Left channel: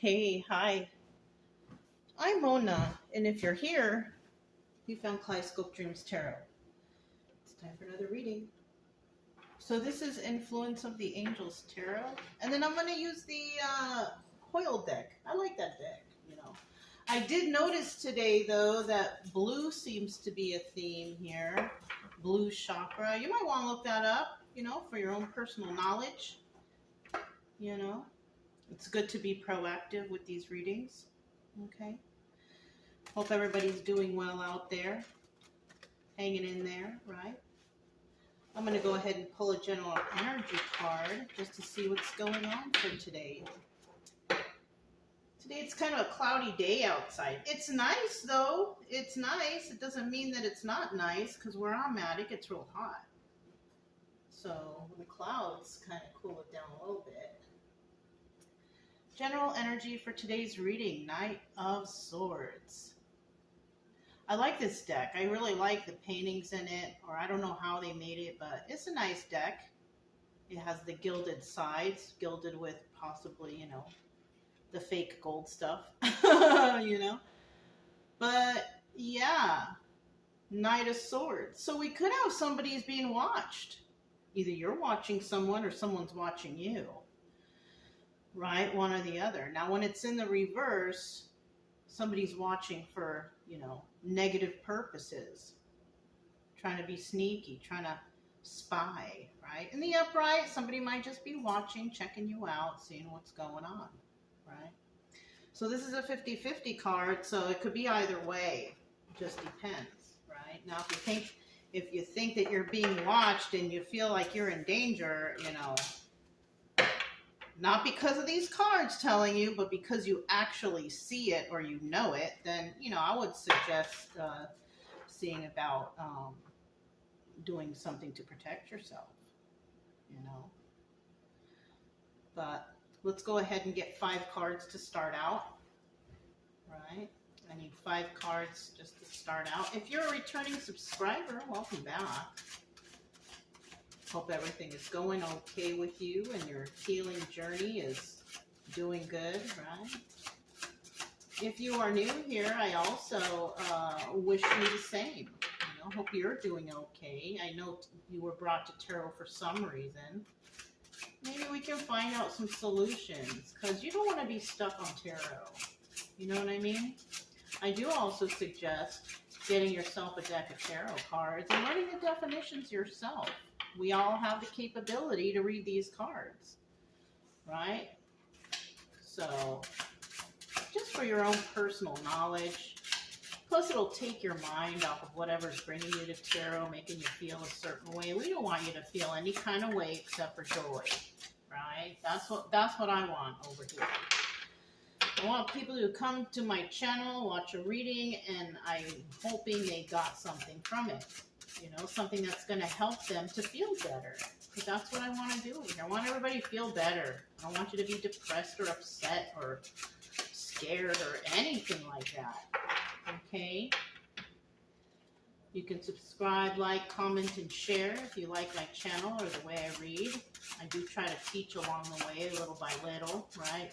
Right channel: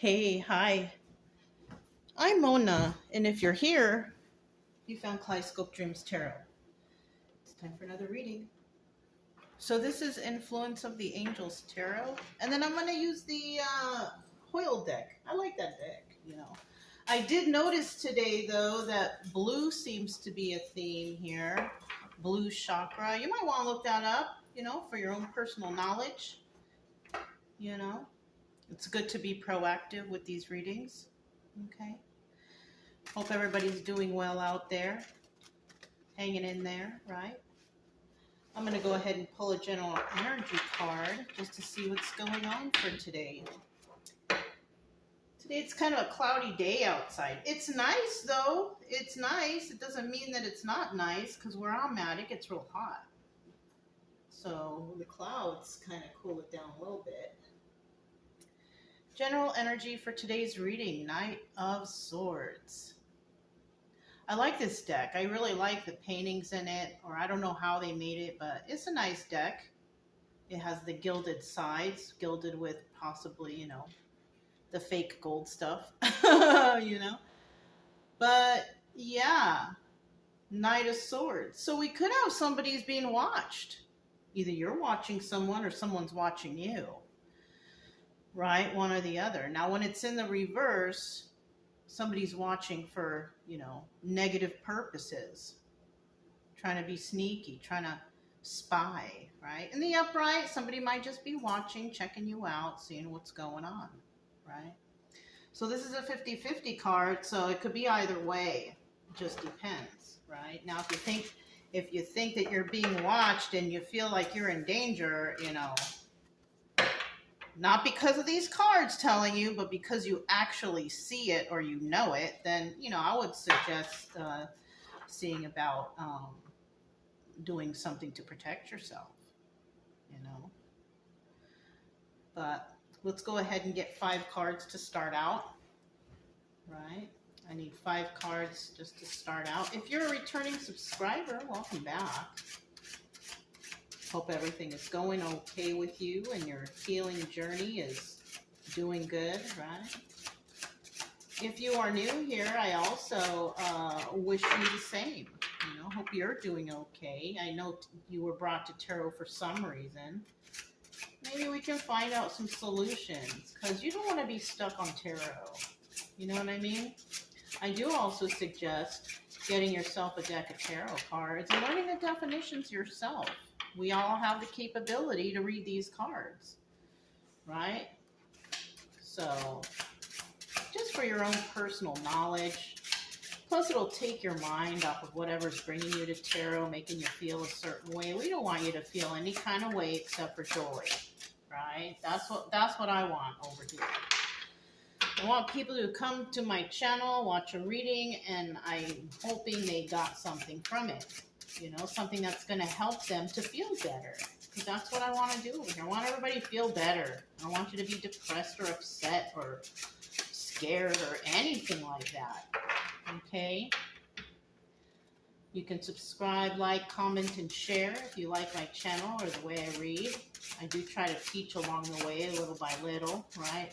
Hey, hi. I'm Mona, and if you're here, you found Kaleidoscope Dreams Tarot. It's time for another reading. So this is Influence of the Angels Tarot, and then I'm going to use the Hoyle deck. I like that deck. I did notice today, though, that blue seems to be a theme here. Blue chakra. You might want to look that up, for your own personal knowledge. It's good to be proactive with these readings. Okay. Hope everybody's doing well out there, hanging in there, right? I'm going to go ahead and pull a general energy card just to see what's going on for today. Today it's kind of a cloudy day outside. It's nice, though. It's nice. It doesn't mean that it's not nice, because where I'm at, it gets real hot. So the clouds kind of cool it down a little bit. General energy for today's reading, Knight of Swords. I like this deck. I really like the paintings in it, or I don't know how they made it, but it's a nice deck. It has the gilded sides, gilded with possibly, the fake gold stuff, But yeah, Knight of Swords. So we could have somebody's being watched. Either you're watching someone or someone's watching you, right? One or the other. Now, when it's in the reverse, somebody's watching for, negative purposes, trying to be sneaky, trying to spy, right? In the upright, somebody might just be watching, checking you out, seeing what's going on, right? So this is a 50-50 card, so it could be either way. It just depends, right? Now, if you think that you're being watched and you feel like you're in danger, not because of these cards telling you, but because you actually see it or you know it, then, I would suggest seeing about doing something to protect yourself, But let's go ahead and get 5 cards to start out, right? I need 5 cards just to start out. If you're a returning subscriber, welcome back. Hope everything is going okay with you and your healing journey is doing good, right? If you are new here, I also wish you the same. Hope you're doing okay. I know you were brought to tarot for some reason. Maybe we can find out some solutions, because you don't want to be stuck on tarot. You know what I mean? I do also suggest getting yourself a deck of tarot cards and learning the definitions yourself. We all have the capability to read these cards, right? So, just for your own personal knowledge. Plus, it'll take your mind off of whatever's bringing you to tarot, making you feel a certain way. We don't want you to feel any kind of way except for joy, right? That's what I want over here. I want people to come to my channel, watch a reading, and I'm hoping they got something from it. Something that's going to help them to feel better. Because that's what I want to do over here. I want everybody to feel better. I don't want you to be depressed or upset or scared or anything like that. Okay? You can subscribe, like, comment, and share if you like my channel or the way I read. I do try to teach along the way, little by little, right?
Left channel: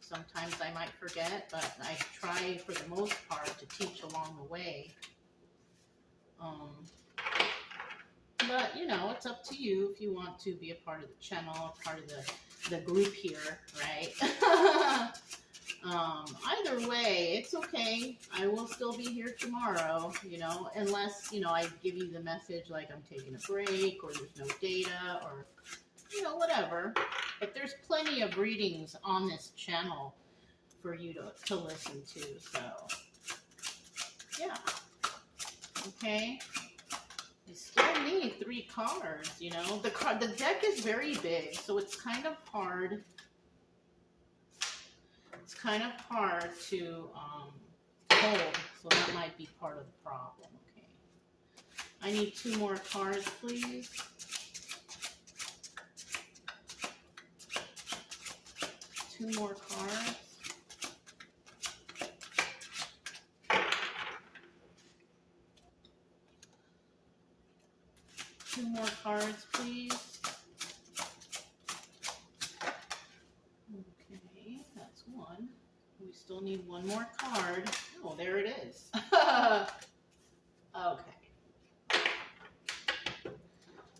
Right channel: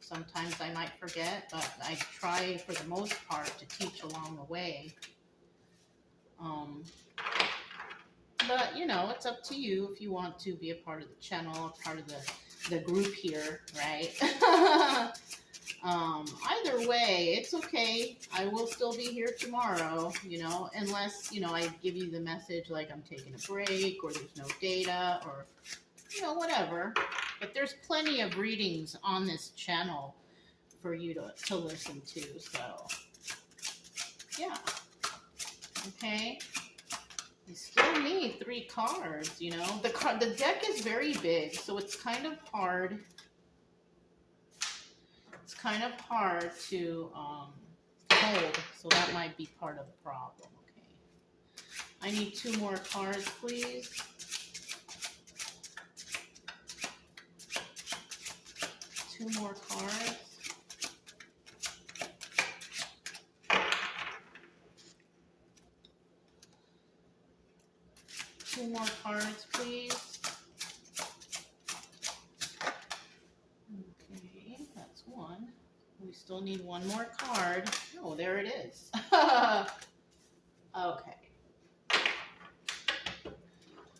Sometimes I might forget, but I try for the most part to teach along the way. But, it's up to you if you want to be a part of the channel, a part of the group here, right? Either way, it's okay. I will still be here tomorrow, unless, I give you the message like I'm taking a break or there's no data or, whatever. But there's plenty of readings on this channel for you to listen to, so, yeah. Okay. You still need 3 cards, The deck is very big, so it's kind of hard. It's kind of hard to hold, so that might be part of the problem. Okay. I need 2 more cards, please. 2 more cards. Two more cards, please. Okay, that's 1. still need one more card. Oh, there it is. Okay.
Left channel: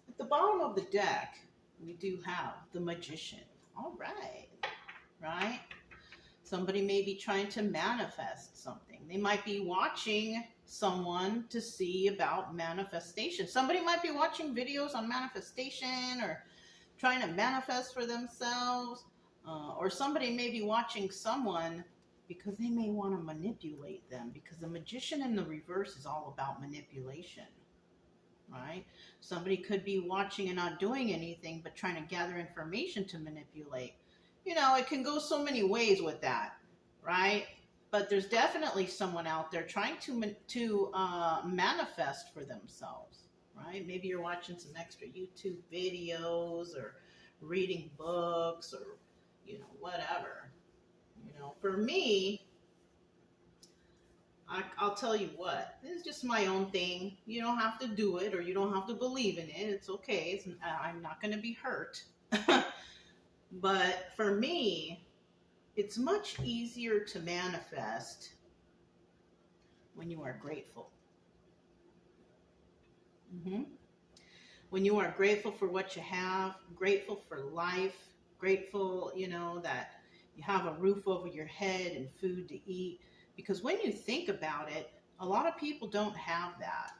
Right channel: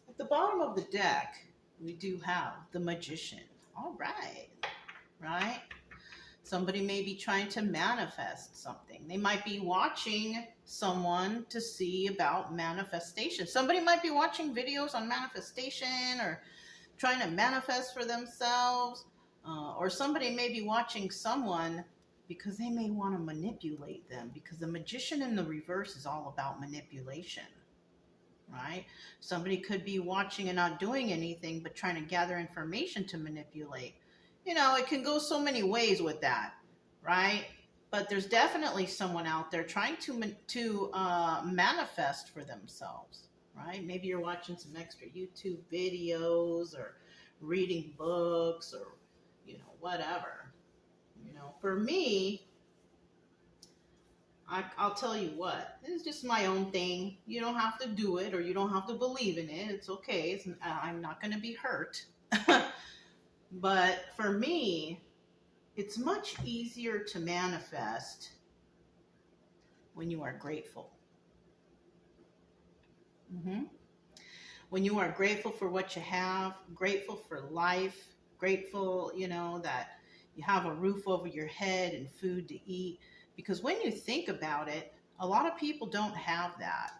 At the bottom of the deck, we do have the Magician. All right. Right? Somebody may be trying to manifest something. They might be watching someone to see about manifestation. Somebody might be watching videos on manifestation or trying to manifest for themselves. Or somebody may be watching someone because they may want to manipulate them, because the Magician in the reverse is all about manipulation, right? Somebody could be watching and not doing anything but trying to gather information to manipulate. You know, it can go so many ways with that, right? But there's definitely someone out there trying to manifest for themselves, right? Maybe you're watching some extra YouTube videos or reading books or, you know, whatever. You know, for me, I'll tell you what, this is just my own thing. You don't have to do it or you don't have to believe in it. It's okay. I'm not going to be hurt. But for me, it's much easier to manifest when you are grateful. When you are grateful for what you have, grateful for life, grateful, you know, that you have a roof over your head and food to eat. Because when you think about it, a lot of people don't have that.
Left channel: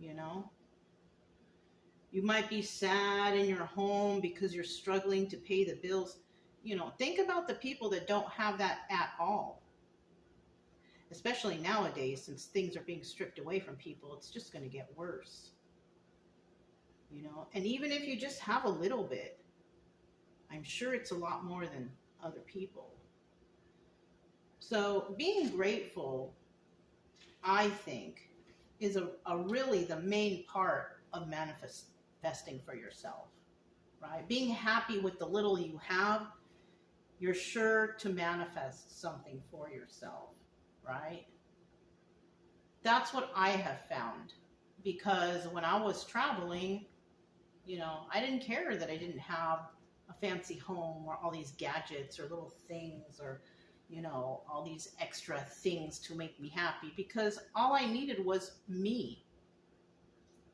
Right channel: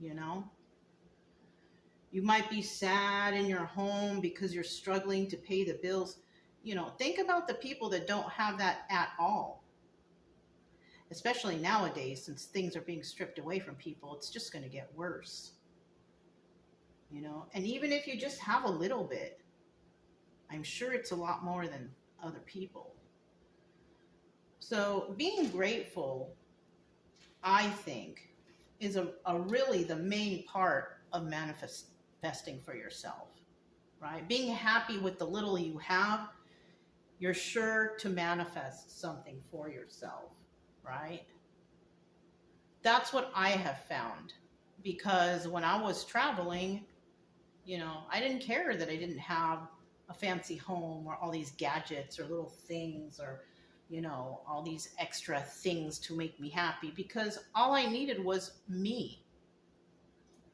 You know? You might be sad in your home because you're struggling to pay the bills. You know, think about the people that don't have that at all. Especially nowadays, since things are being stripped away from people, it's just going to get worse. You know, and even if you just have a little bit, I'm sure it's a lot more than other people. So being grateful, I think, is a really the main part of manifesting for yourself, right? Being happy with the little you have, you're sure to manifest something for yourself, right? That's what I have found, because when I was traveling, you know, I didn't care that I didn't have a fancy home or all these gadgets or little things or, you know, all these extra things to make me happy, because all I needed was me,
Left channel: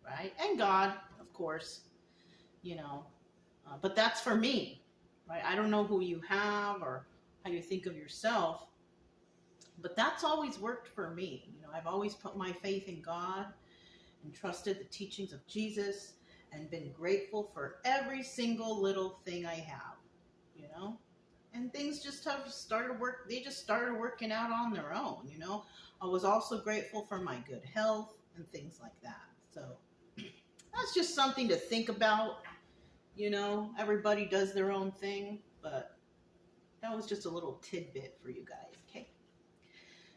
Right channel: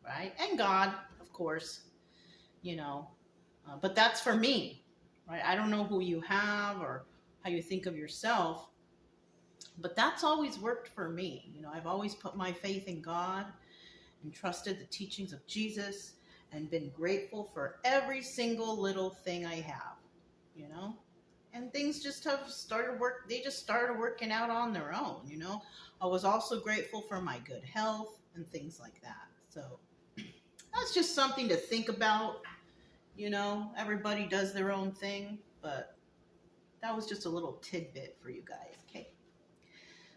right? And God, of course, you know, but that's for me, right? I don't know who you have or how you think of yourself, but that's always worked for me. You know, I've always put my faith in God and trusted the teachings of Jesus and been grateful for every single little thing I have, you know? And things just have they just started working out on their own, you know? I was also grateful for my good health and things like that. So that's just something to think about, you know? Everybody does their own thing, but that was just a little tidbit for you guys, okay?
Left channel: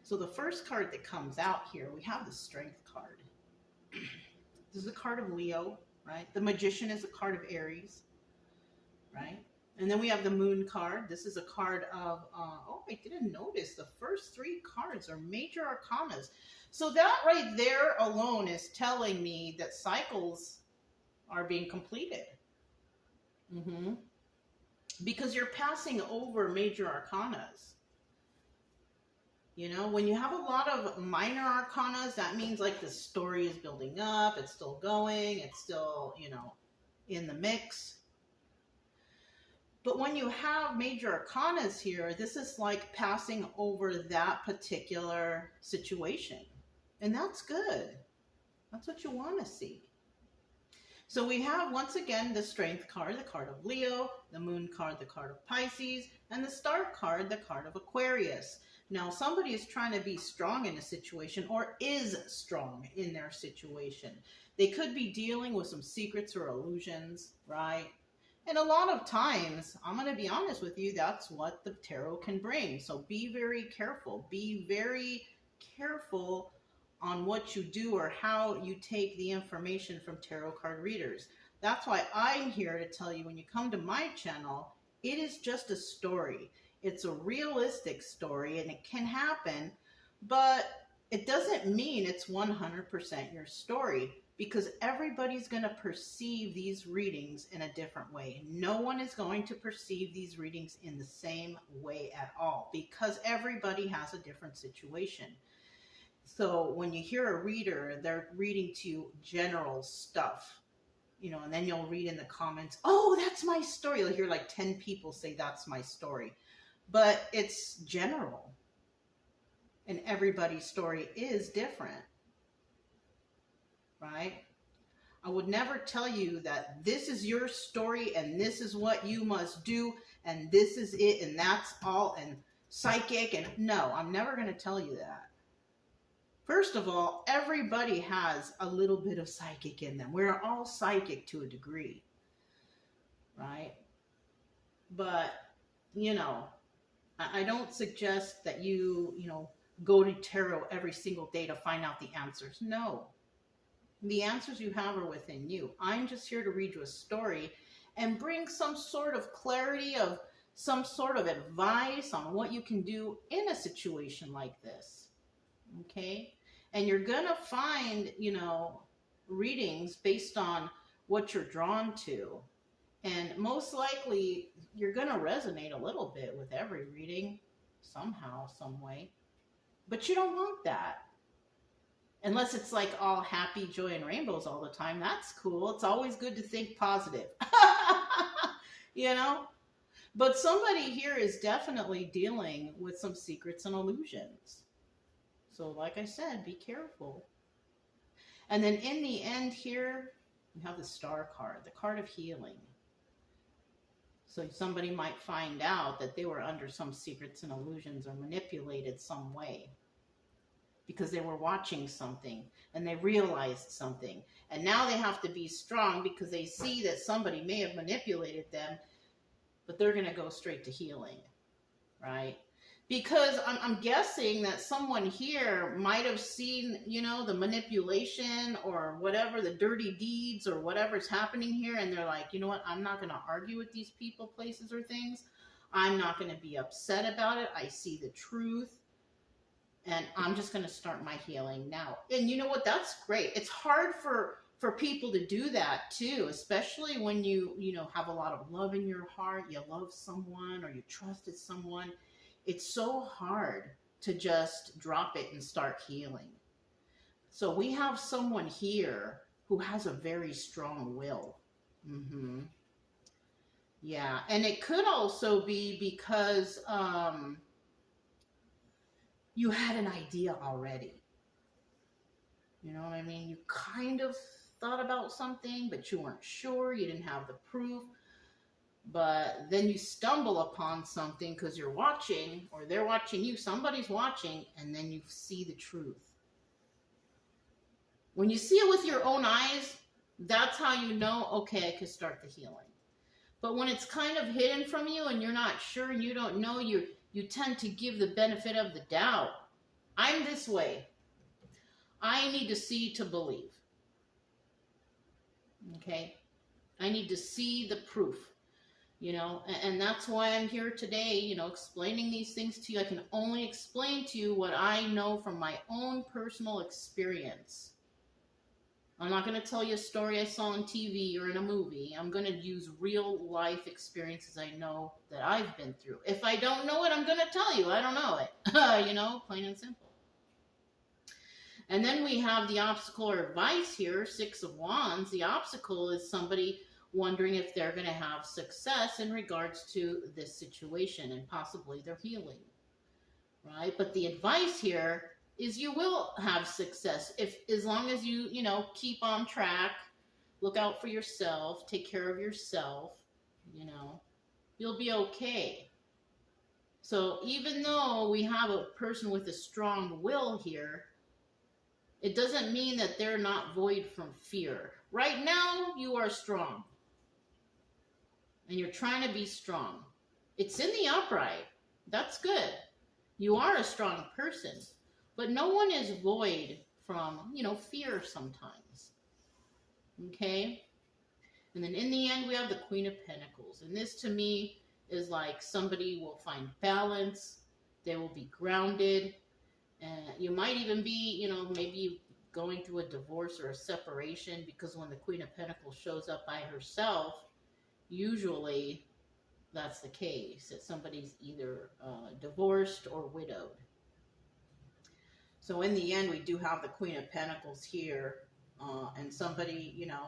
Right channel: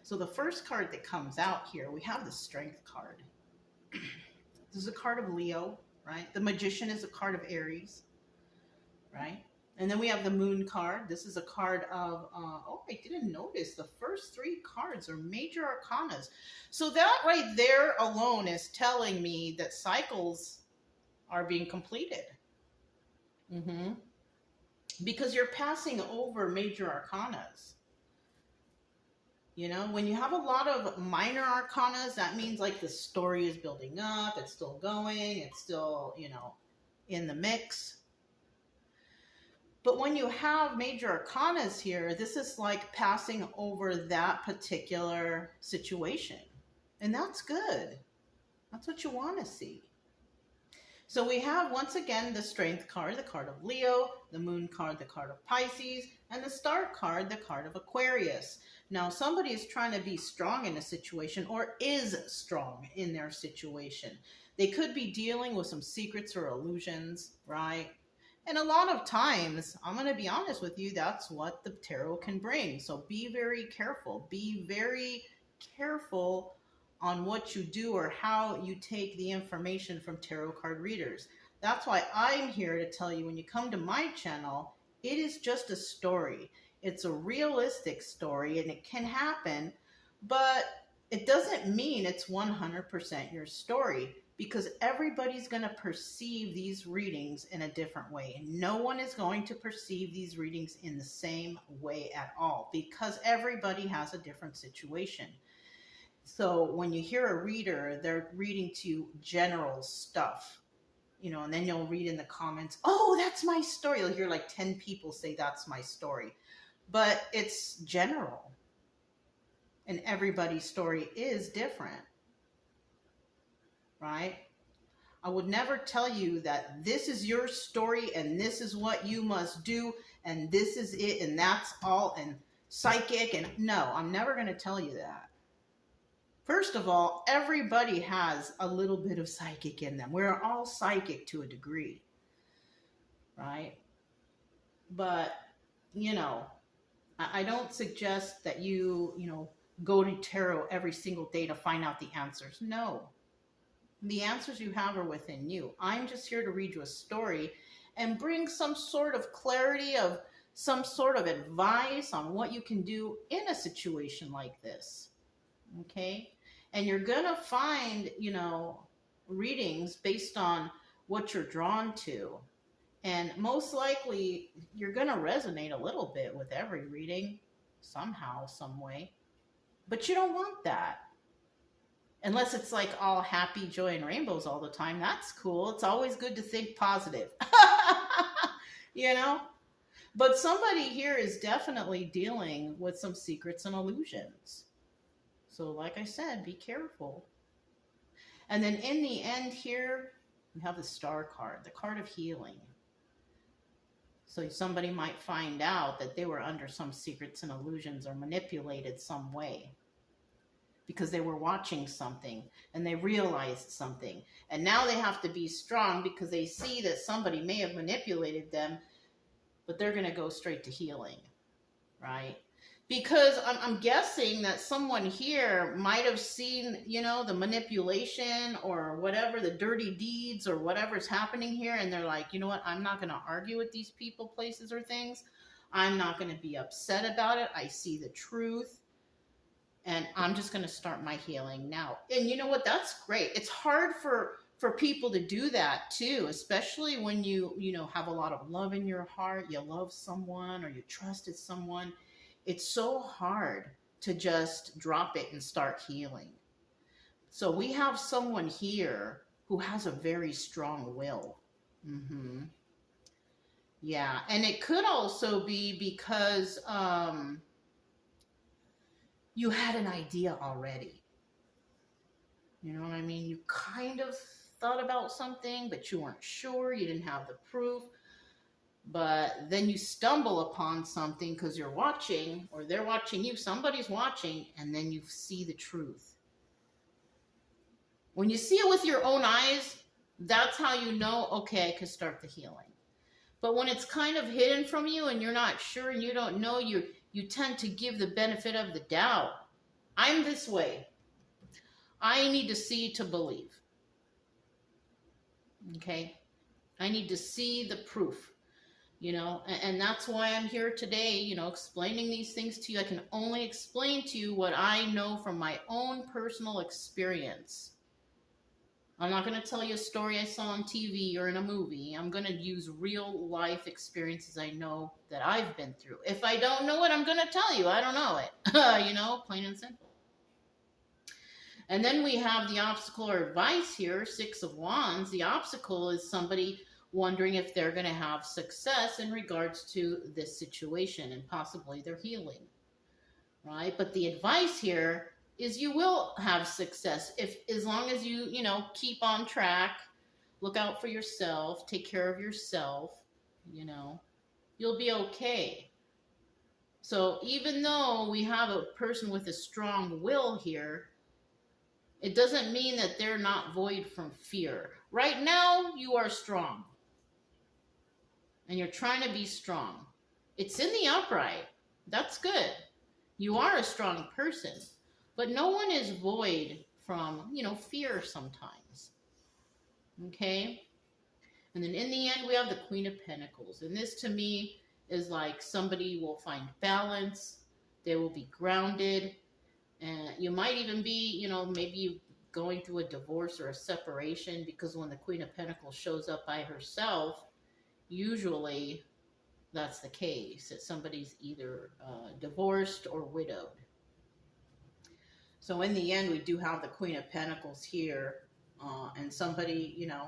So the first card that comes out here, we have the Strength card. This is a card of Leo, right? The Magician is a card of Aries, right? And then we have the Moon card. This is a card of, oh, I didn't notice. The first three cards are major arcanas. So that right there alone is telling me that cycles are being completed. Because you're passing over major arcanas. You know, when you have a lot of minor arcanas, that means like the story is building up, it's still going, it's still, you know, in the mix. But when you have major arcanas here, this is like passing over that particular situation. And that's good. That's what you want to see. So we have, once again, the Strength card, the card of Leo, the Moon card, the card of Pisces, and the Star card, the card of Aquarius. Now, somebody is trying to be strong in a situation or is strong in their situation. They could be dealing with some secrets or illusions, right? And a lot of times, I'm going to be honest with you, that's what the tarot can bring. So be very careful. Be very careful on what you do or how you take the information from tarot card readers. That's why I'm here to tell you, when you come to my channel, it is just a story. It's a realistic story and it can happen, but it doesn't mean it's 100% your story. because everybody's going to perceive these readings in a different way. No one is going to perceive these readings in the same way at all, because everybody has a different situation. So when you hear a reader, they're reading to you general stuff, and then you'll read in the comments, oh, that's my story. You'll hear like 10 people say that's my story, but it's general, and everybody's story is different. Right? I would never tell you that this is your story and this is what you must do and this is it and that's all and psychic. And no, I'm never going to tell you that. First of all, everybody has a little bit of psychic in them. We're all psychic to a degree. Right? But, I don't suggest that you go to tarot every single day to find out the answers. No. The answers you have are within you. I'm just here to read you a story and bring some sort of clarity, of some sort of advice on what you can do in a situation like this. Okay? And you're going to find, readings based on what you're drawn to. And most likely, you're going to resonate a little bit with every reading, somehow, some way. But you don't want that. Unless it's like all happy, joy, and rainbows all the time. That's cool. It's always good to think positive. But somebody here is definitely dealing with some secrets and illusions. So like I said, be careful. And then in the end here, we have the Star card, the card of healing. So somebody might find out that they were under some secrets and illusions or manipulated some way, because they were watching something and they realized something. And now they have to be strong because they see that somebody may have manipulated them, but they're going to go straight to healing, right? Because I'm guessing that someone here might have seen, the manipulation or whatever, the dirty deeds or whatever's happening here. And they're like, you know what? I'm not going to argue with these people, places, or things. I'm not going to be upset about it. I see the truth. And I'm just going to start my healing now. And you know what? That's great. It's hard for people to do that too, especially when you have a lot of love in your heart. You love someone or you trusted someone. It's so hard to just drop it and start healing. So we have someone here who has a very strong will. Yeah. And it could also be because, you had an idea already. You know what I mean? You kind of thought about something, but you weren't sure. You didn't have the proof. But then you stumble upon something because you're watching, or they're watching you. Somebody's watching, and then you see the truth. When you see it with your own eyes, that's how you know, okay, I can start the healing. But when it's kind of hidden from you and you're not sure and you don't know, you tend to give the benefit of the doubt. I'm this way. I need to see to believe. Okay? I need to see the proof. And that's why I'm here today, explaining these things to you. I can only explain to you what I know from my own personal experience. I'm not going to tell you a story I saw on TV or in a movie. I'm going to use real life experiences I know that I've been through. If I don't know it, I'm going to tell you. I don't know it. Plain and simple. And then we have the obstacle or advice here, 6 of Wands. The obstacle is somebody wondering if they're going to have success in regards to this situation and possibly their healing, right? But the advice here is you will have success as long as you keep on track, look out for yourself, take care of yourself, you'll be okay. So even though we have a person with a strong will here, it doesn't mean that they're not void from fear. Right now, you are strong. And you're trying to be strong. It's in the upright. That's good. You are a strong person. But no one is void from, fear sometimes. Okay? And then in the end, we have the Queen of Pentacles. And this to me is like somebody will find balance. They will be grounded. And you might even be, maybe you going through a divorce or a separation, because when the Queen of Pentacles shows up by herself, usually that's the case, that somebody's either divorced or widowed. So in the end, we do have the Queen of Pentacles here, and somebody, you know,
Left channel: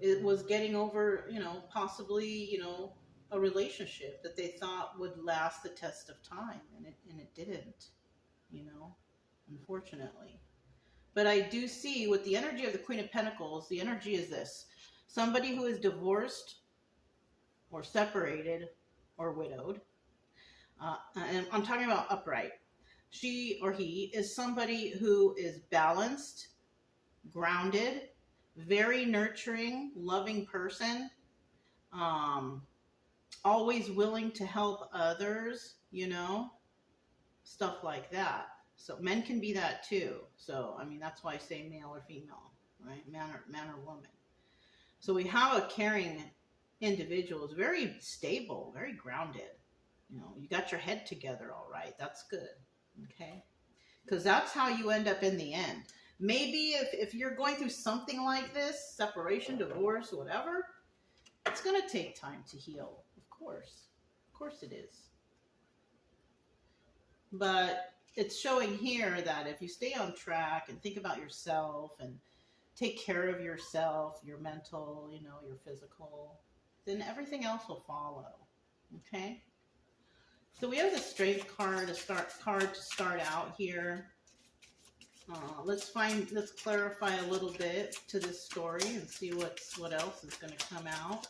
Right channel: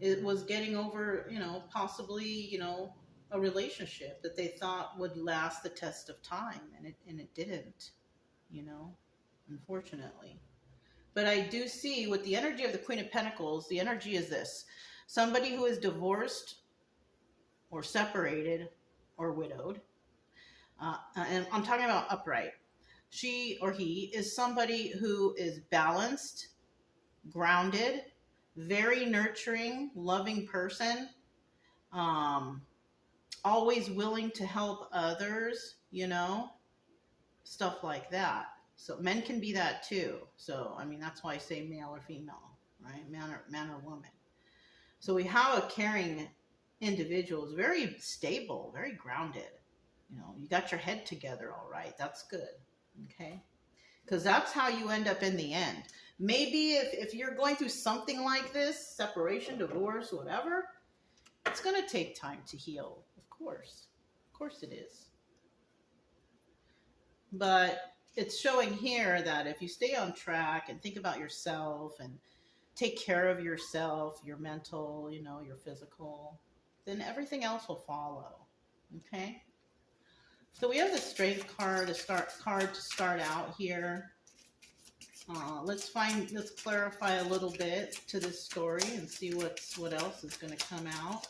it was getting over, you know, possibly, you know, a relationship that they thought would last the test of time, and it didn't, you know, unfortunately. But I do see with the energy of the Queen of Pentacles, the energy is this: somebody who is divorced or separated or widowed, and I'm talking about upright. She or he is somebody who is balanced, grounded, very nurturing, loving person, always willing to help others, you know, stuff like that. So men can be that too. So, I mean, that's why I say male or female, right? Man or woman. So we have a caring individual, is very stable, very grounded. You know, you got your head together all right. That's good. Okay? Because that's how you end up in the end. Maybe if you're going through something like this, separation, divorce, whatever, it's going to take time to heal. Of course it is. But it's showing here that if you stay on track and think about yourself and take care of yourself, your mental, you know, your physical, then everything else will follow. Okay? So we have the Strength card to start out here. Let's clarify a little bit to this story and see what else is going to come out.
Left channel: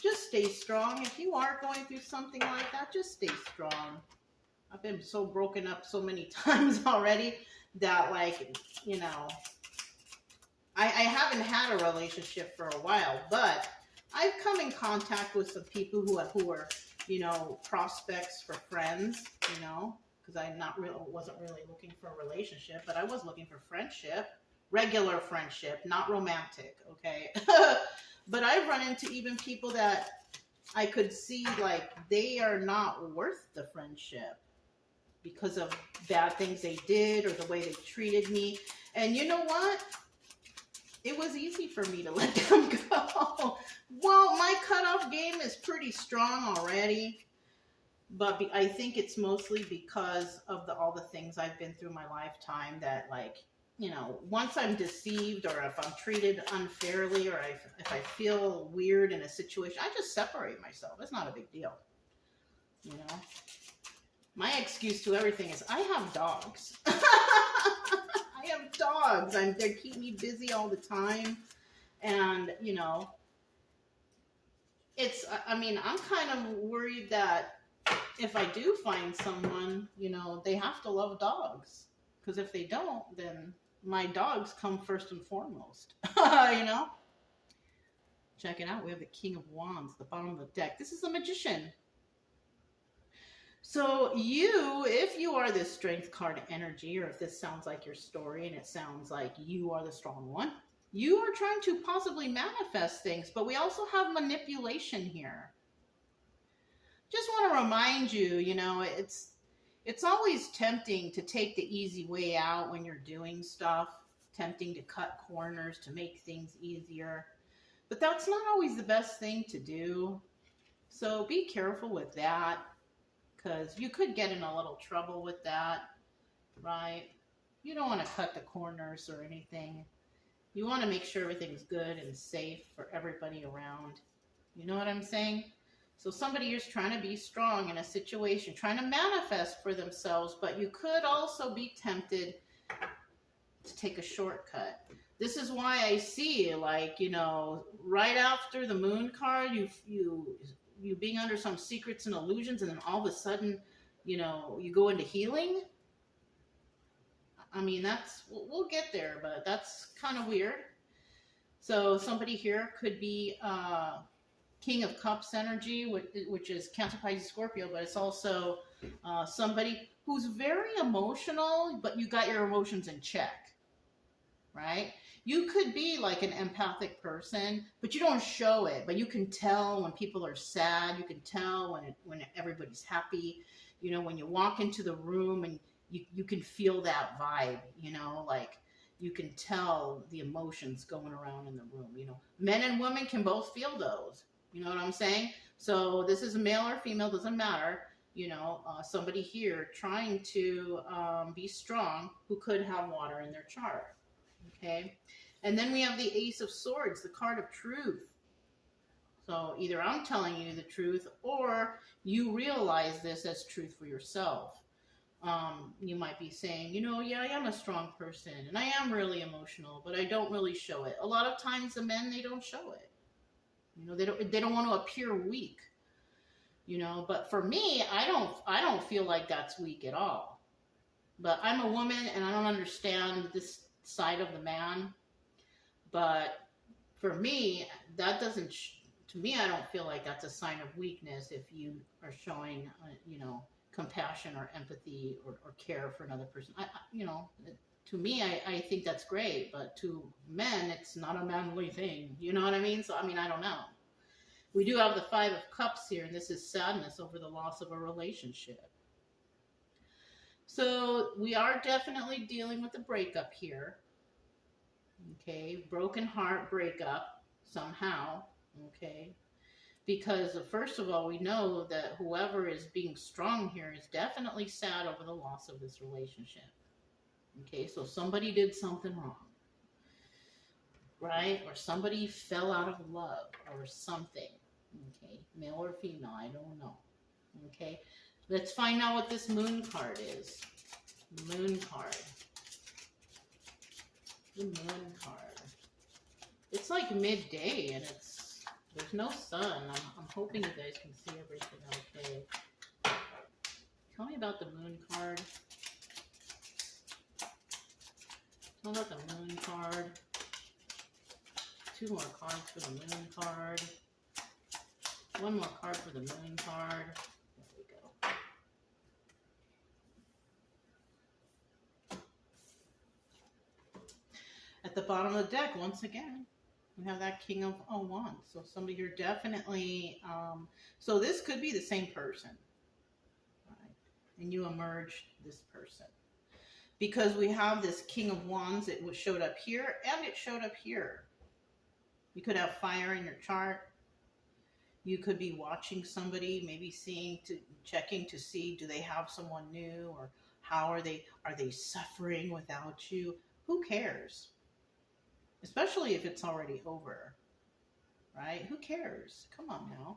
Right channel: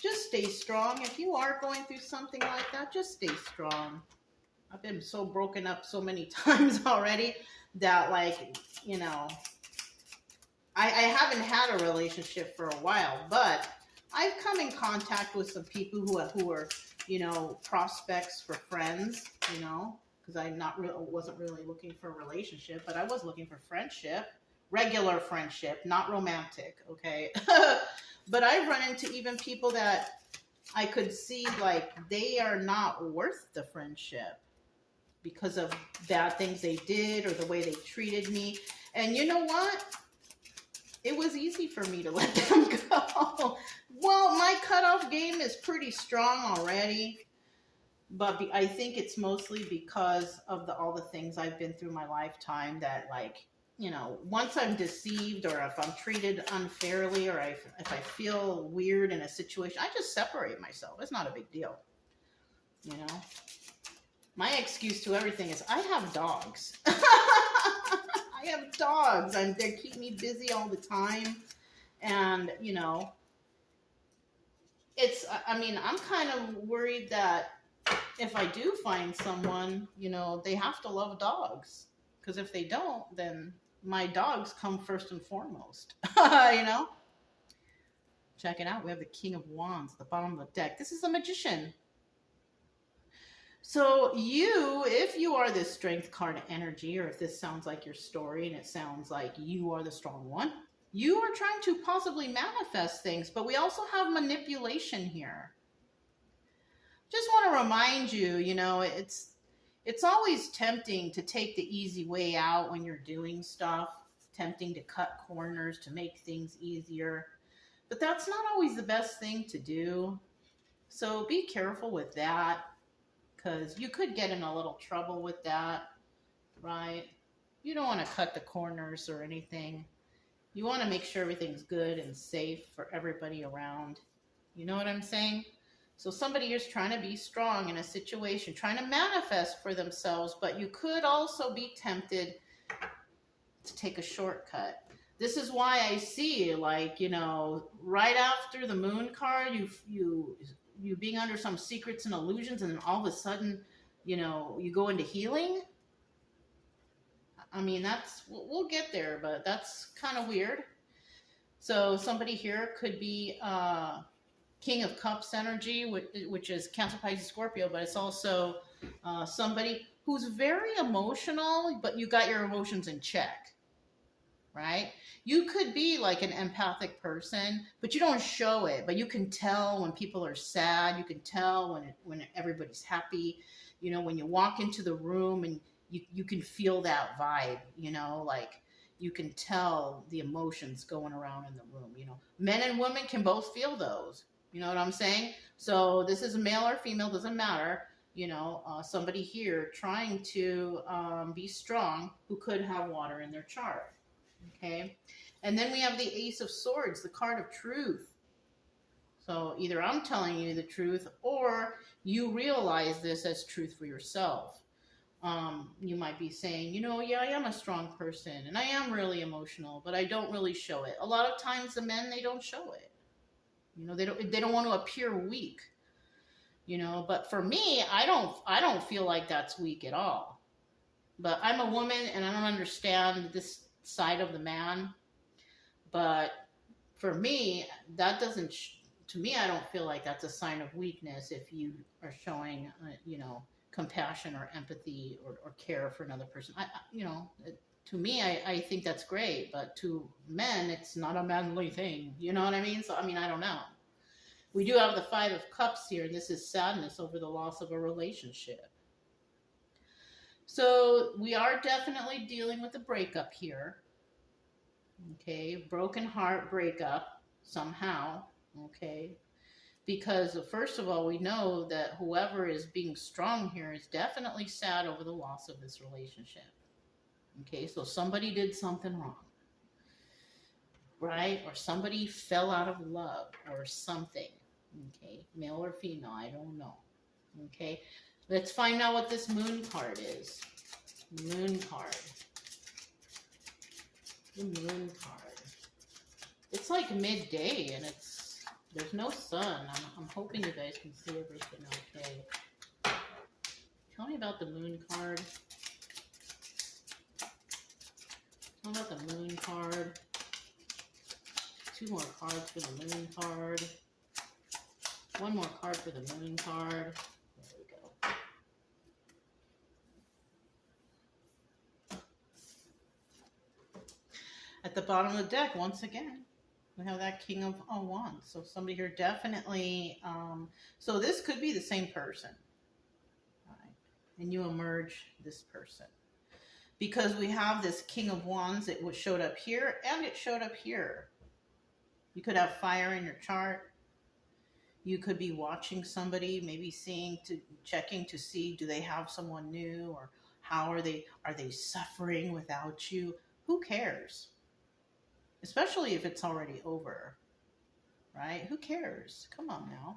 Just stay strong. If you are going through something like that, just stay strong. I've been so broken up so many times already that, like, you know, I haven't had a relationship for a while, but I've come in contact with some people who are, you know, prospects for friends, you know, because I wasn't really looking for a relationship, but I was looking for friendship, regular friendship, not romantic, okay? But I've run into even people that I could see, like, they are not worth the friendship because of bad things they did or the way they treated me. And you know what? It was easy for me to let them go. Well, my cutoff game is pretty strong already, but I think it's mostly because of all the things I've been through my lifetime that, like, you know, once I'm deceived or if I'm treated unfairly or if I feel weird in a situation, I just separate myself. It's not a big deal, you know. My excuse to everything is I have dogs. I have dogs. They keep me busy all the time. And, you know, I mean, I'm kind of worried that if I do find someone, you know, they have to love dogs. Because if they don't, then my dogs come first and foremost. You know? Check it out. We have the King of Wands at the bottom of the deck. This is the Magician. So if you are this Strength card energy, or if this sounds like your story and it sounds like you are the strong one, you are trying to possibly manifest things, but we also have manipulation here. Just want to remind you, you know, it's always tempting to take the easy way out when you're doing stuff, tempting to cut corners to make things easier, but that's not always the best thing to do. So be careful with that, because you could get in a little trouble with that, right? You don't want to cut the corners or anything. You want to make sure everything's good and safe for everybody around. You know what I'm saying? So somebody is trying to be strong in a situation, trying to manifest for themselves, but you could also be tempted to take a shortcut. This is why I see, like, you know, right after the Moon card, you being under some secrets and illusions, and then all of a sudden, you know, you go into healing. I mean, we'll get there, but that's kind of weird. So somebody here could be King of Cups energy, which is Cancer, Pisces, Scorpio, but it's also somebody who's very emotional, but you got your emotions in check, right? You could be like an empathic person, but you don't show it, but you can tell when people are sad. You can tell when everybody's happy. You know, when you walk into the room and you can feel that vibe, you know, like you can tell the emotions going around in the room, you know. Men and women can both feel those, you know what I'm saying? So this is male or female, doesn't matter, you know, somebody here trying to be strong who could have water in their chart, okay? And then we have the Ace of Swords, the card of truth. So either I'm telling you the truth or you realize this as truth for yourself. You might be saying, you know, yeah, I am a strong person and I am really emotional, but I don't really show it. A lot of times the men, they don't show it. You know, they don't want to appear weak. You know, but for me, I don't feel like that's weak at all. But I'm a woman and I don't understand this side of the man. But for me, that doesn't to me, I don't feel like that's a sign of weakness if you are showing, you know, compassion or empathy or care for another person. You know, to me, I think that's great, but to men, it's not a manly thing. You know what I mean? So, I mean, I don't know. We do have the Five of Cups here, and this is sadness over the loss of a relationship. So we are definitely dealing with a breakup here. Okay, broken heart breakup somehow. Okay, because first of all, we know that whoever is being strong here is definitely sad over the loss of this relationship. Okay, so somebody did something wrong, right? Or somebody fell out of love or something. Okay, male or female, I don't know. Okay, let's find out what this moon card is. Moon card. The moon card. It's like midday and there's no sun. I'm hoping you guys can see everything okay. Tell me about the moon card. Tell me about the moon card. 2 more cards for the moon card. 1 more card for the moon card. There we go. At the bottom of the deck, once again, we have that King of Wands. So somebody here definitely, so this could be the same person. Right? And you emerge this person. Because we have this King of Wands, it showed up here and it showed up here. You could have fire in your chart. You could be watching somebody, maybe checking to see, do they have someone new, or how are they suffering without you? Who cares? Especially if it's already over, right? Who cares? Come on now.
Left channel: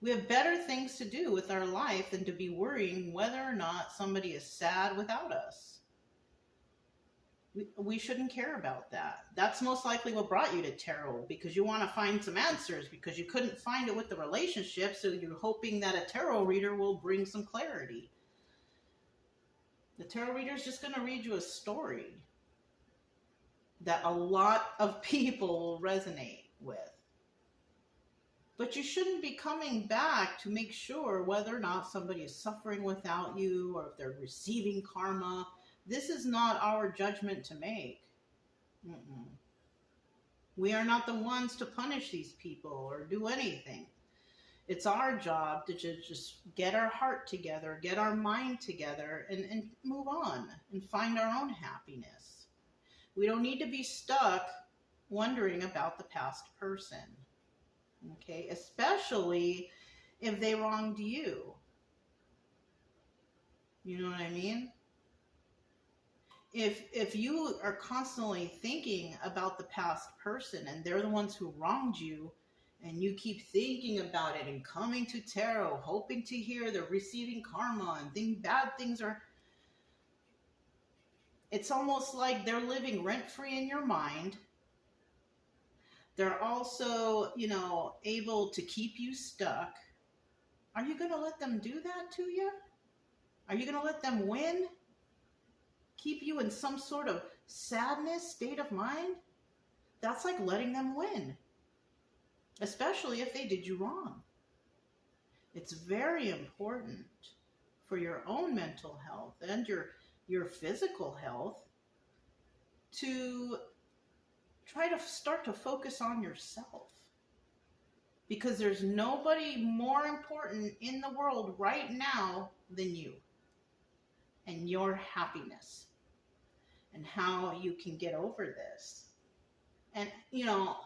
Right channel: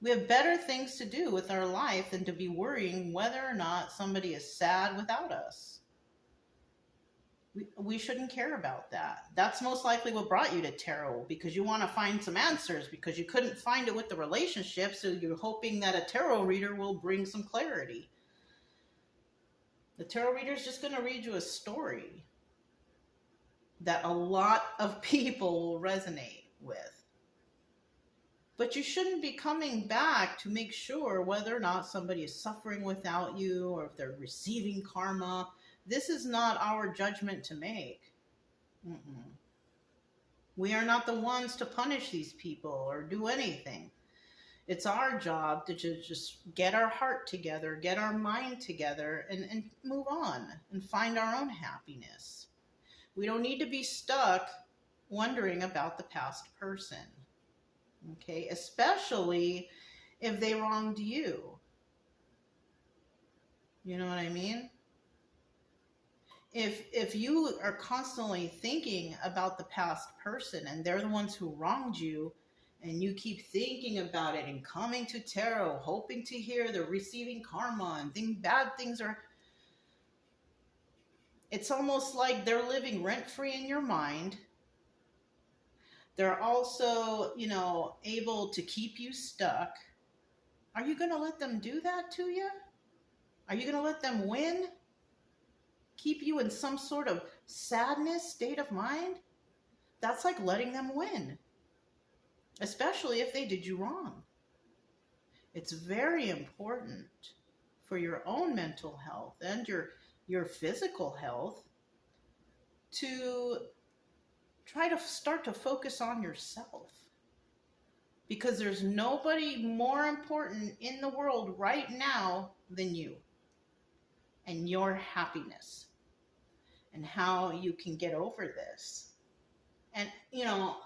We have better things to do with our life than to be worrying whether or not somebody is sad without us. We shouldn't care about that. That's most likely what brought you to tarot, because you want to find some answers because you couldn't find it with the relationship, so you're hoping that a tarot reader will bring some clarity. The tarot reader is just going to read you a story that a lot of people will resonate with. But you shouldn't be coming back to make sure whether or not somebody is suffering without you or if they're receiving karma. This is not our judgment to make. We are not the ones to punish these people or do anything. It's our job to just get our heart together, get our mind together, and move on and find our own happiness. We don't need to be stuck wondering about the past person. Okay, especially if they wronged you. You know what I mean? If you are constantly thinking about the past person and they're the ones who wronged you, and you keep thinking about it and coming to tarot, hoping to hear they're receiving karma and bad things are, it's almost like they're living rent-free in your mind. They're also, you know, able to keep you stuck. Are you going to let them do that to you? Are you going to let them win? Keep you in some sort of sadness state of mind? That's like letting them win. Especially if they did you wrong. It's very important for your own mental health and your physical health to try to start to focus on yourself. Because there's nobody more important in the world right now than you. and your happiness and how you can get over this. And, you know,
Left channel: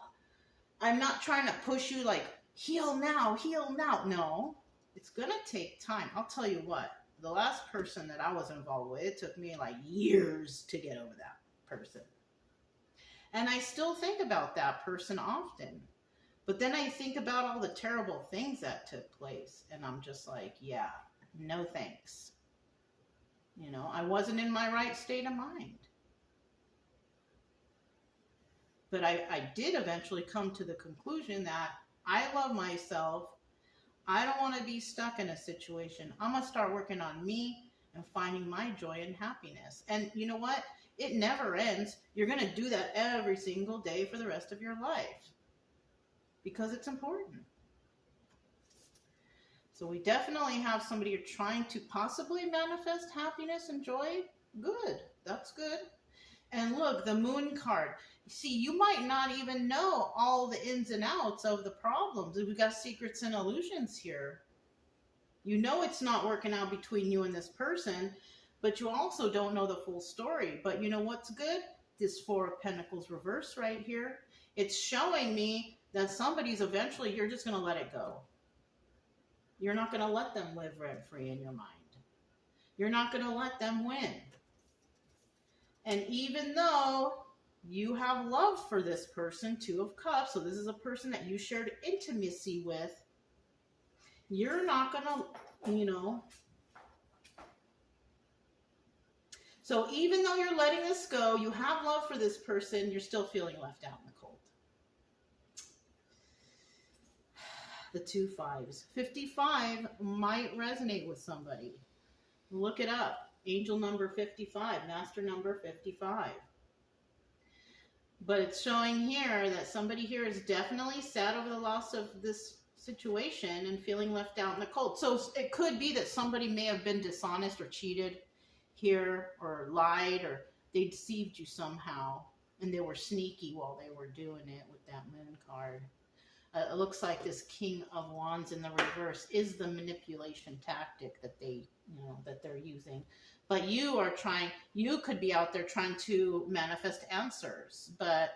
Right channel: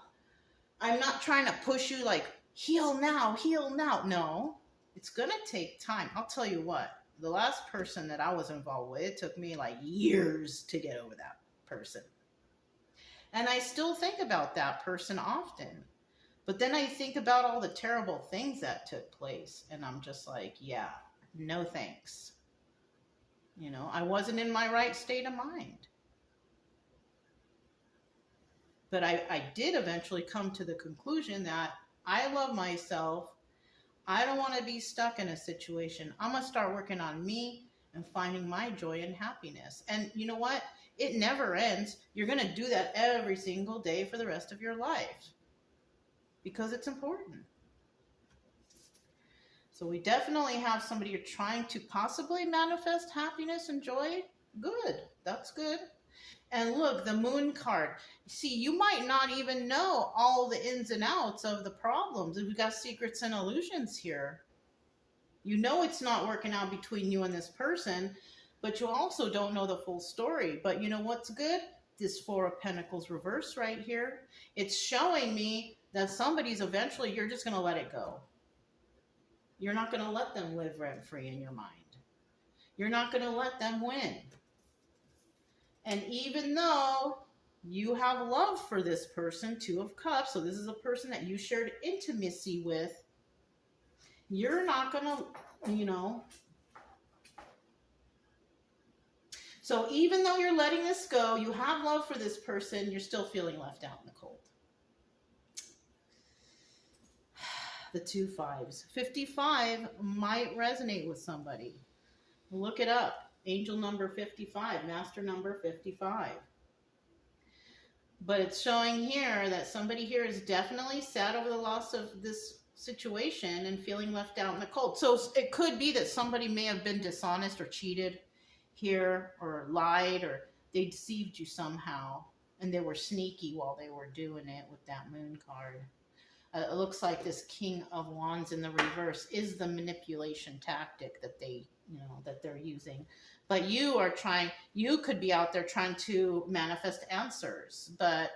I'm not trying to push you like, heal now, heal now. No, it's going to take time. I'll tell you what, the last person that I was involved with, it took me like years to get over that person. And I still think about that person often. But then I think about all the terrible things that took place. And I'm just like, yeah, no thanks. You know, I wasn't in my right state of mind. But I did eventually come to the conclusion that I love myself. I don't want to be stuck in a situation. I'm going to start working on me and finding my joy and happiness. And you know what? It never ends. You're going to do that every single day for the rest of your life because it's important. So we definitely have somebody you're trying to possibly manifest happiness and joy. Good. That's good. And look, the moon card. See, you might not even know all the ins and outs of the problems. We've got secrets and illusions here. You know it's not working out between you and this person, but you also don't know the full story. But you know what's good? This Four of Pentacles reverse right here. It's showing me that somebody's eventually, you're just going to let it go. You're not going to let them live rent-free in your mind. You're not going to let them win. And even though you have love for this person, Two of Cups, so this is a person that you shared intimacy with, you're not going to, you know. So even though you're letting this go, you have love for this person, you're still feeling left out in the cold. The 2 5s. 55 might resonate with somebody. Look it up. Angel number 55, master number 55. But it's showing here that somebody here is definitely sad over the loss of this situation and feeling left out in the cold. So it could be that somebody may have been dishonest or cheated here or lied or they deceived you somehow and they were sneaky while they were doing it with that moon card. It looks like this King of Wands in the reverse is the manipulation tactic that they, you know, that they're using. But you are trying, you could be out there trying to manifest answers, but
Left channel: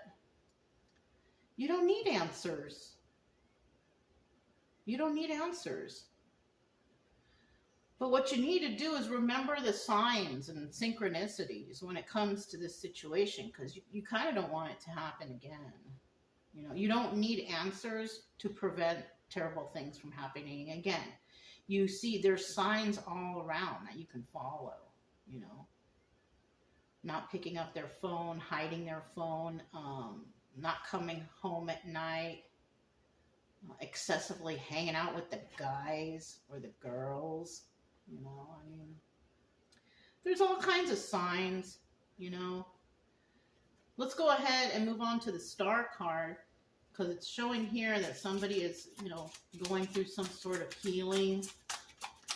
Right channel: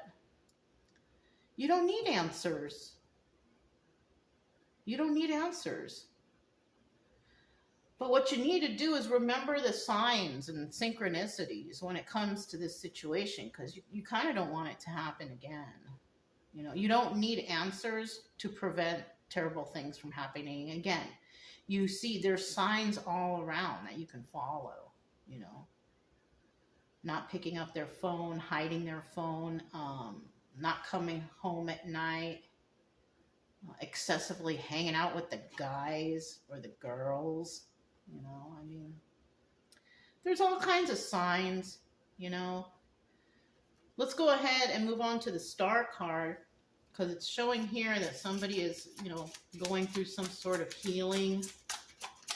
you don't need answers. You don't need answers. But what you need to do is remember the signs and synchronicities when it comes to this situation, because you kind of don't want it to happen again. You know, you don't need answers to prevent terrible things from happening again. You see, there's signs all around that you can follow, you know. Not picking up their phone, hiding their phone, not coming home at night, excessively hanging out with the guys or the girls, you know. I mean, there's all kinds of signs, you know. Let's go ahead and move on to the Star card, because it's showing here that somebody is, you know, going through some sort of healing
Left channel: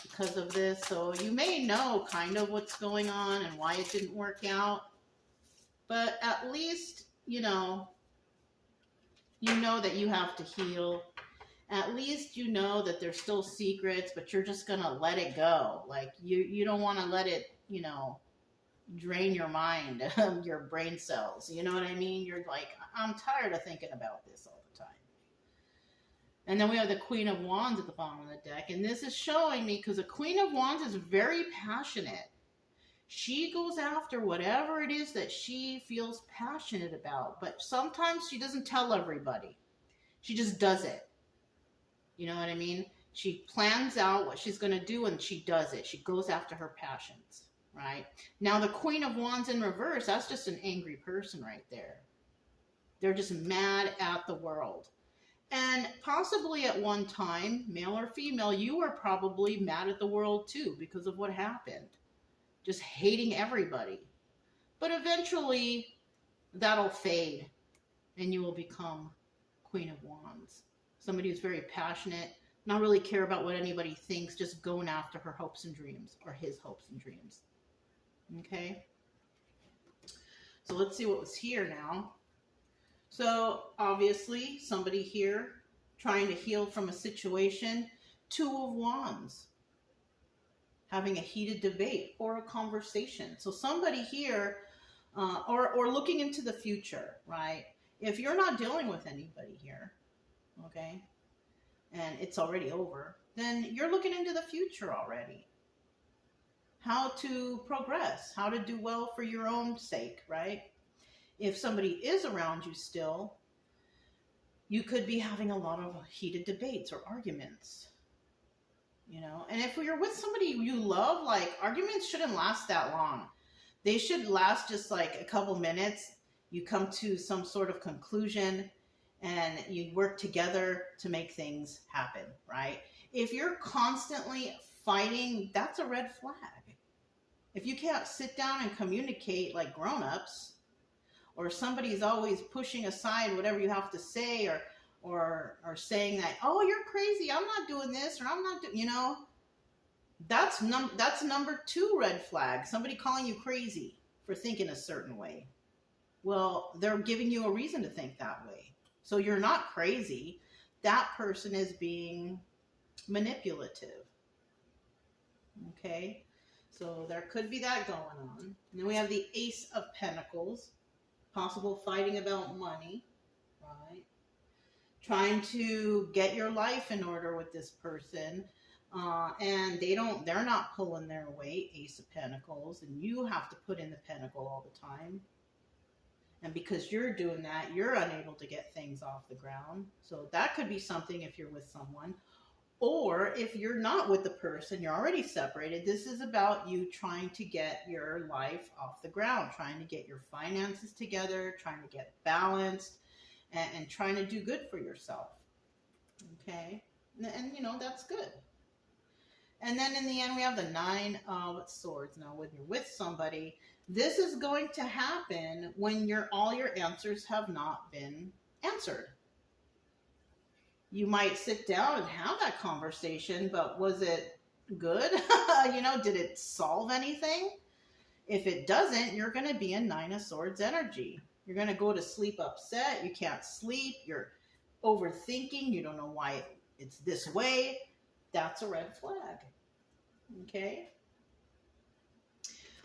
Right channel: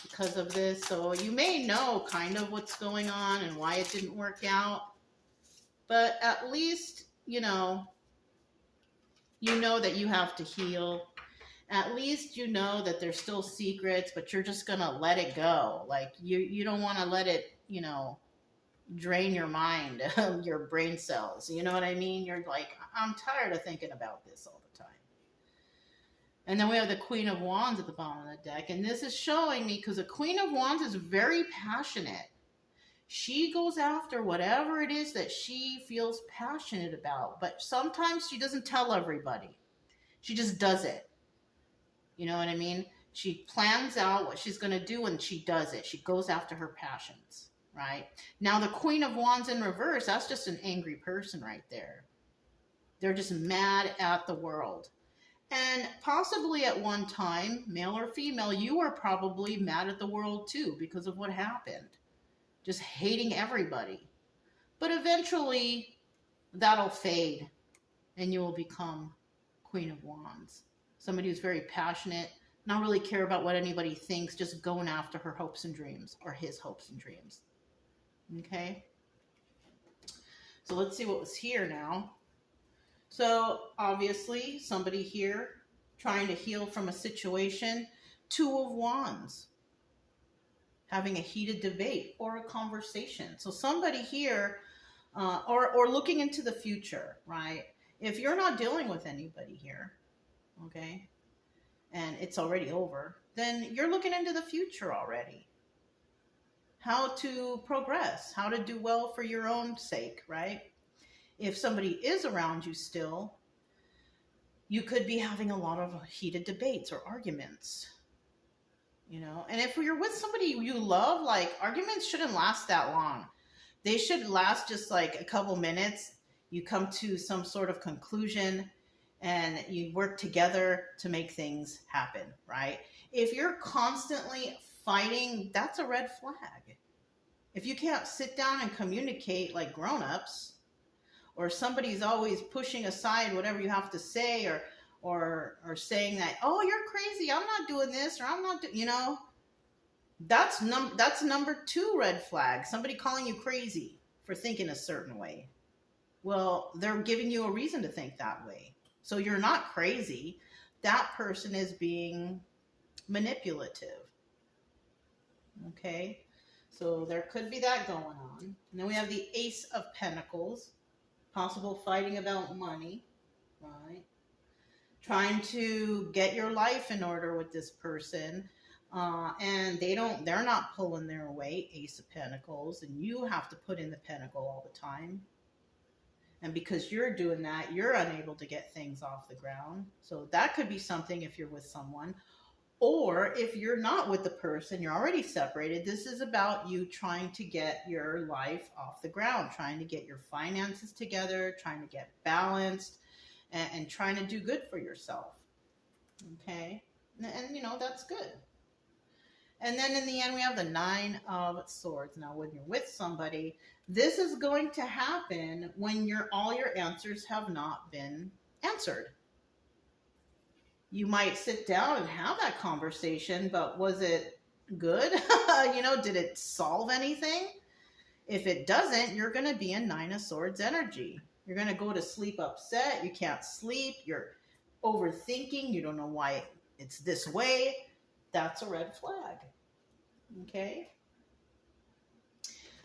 because of this. So you may know kind of what's going on and why it didn't work out. But at least, you know that you have to heal. At least you know that there's still secrets, but you're just going to let it go. Like, you don't want to let it, you know, drain your mind, your brain cells. You know what I mean? You're like, I'm tired of thinking about this all the time. And then we have the Queen of Wands at the bottom of the deck. And this is showing me, because the Queen of Wands is very passionate. She goes after whatever it is that she feels passionate about. But sometimes she doesn't tell everybody. She just does it. You know what I mean? She plans out what she's going to do and she does it. She goes after her passions. Right? Now, the Queen of Wands in reverse, that's just an angry person right there. They're just mad at the world. And possibly at one time, male or female, you are probably mad at the world too because of what happened. Just hating everybody. But eventually, that'll fade and you will become Queen of Wands. Somebody who's very passionate, not really care about what anybody thinks, just going after her hopes and dreams or his hopes and dreams. Okay, so let's see what was here now. So obviously somebody here trying to heal from a situation. 2 of Wands. having a heated debate or a conversation. So somebody here, or looking into the future, right? If you're not dealing with anybody here, okay, and it's already over, then you're looking into the future already. How to progress, how to do well for your own sake, right? If somebody is around you still, you could be having a lot of heated debates or arguments, you know? And if you're with somebody you love, like, arguments shouldn't last that long. They should last just like a couple minutes. You come to some sort of conclusion and you work together to make things happen, right? If you're constantly fighting, that's a red flag. If you can't sit down and communicate like grown-ups, or somebody's always pushing aside whatever you have to say, or saying that, oh, you're crazy, I'm not doing this, or I'm not doing, you know, that's number 2 red flag. Somebody calling you crazy for thinking a certain way. Well, they're giving you a reason to think that way. So you're not crazy. That person is being manipulative. Okay? So there could be that going on. And then we have the Ace of Pentacles. Possible fighting about money, right? Trying to get your life in order with this person. And they're not pulling their weight, Ace of Pentacles. And you have to put in the pentacle all the time. And because you're doing that, you're unable to get things off the ground. So that could be something if you're with someone. Or if you're not with the person, you're already separated, this is about you trying to get your life off the ground, trying to get your finances together, trying to get balanced, and trying to do good for yourself. Okay? And you know, that's good. And then in the end, we have the 9 of Swords. Now, when you're with somebody, this is going to happen when all your answers have not been answered. You might sit down and have that conversation, but was it good? You know, did it solve anything? If it doesn't, you're going to be in 9 of Swords energy. You're going to go to sleep upset. You can't sleep. You're overthinking. You don't know why it's this way. That's a red flag. Okay?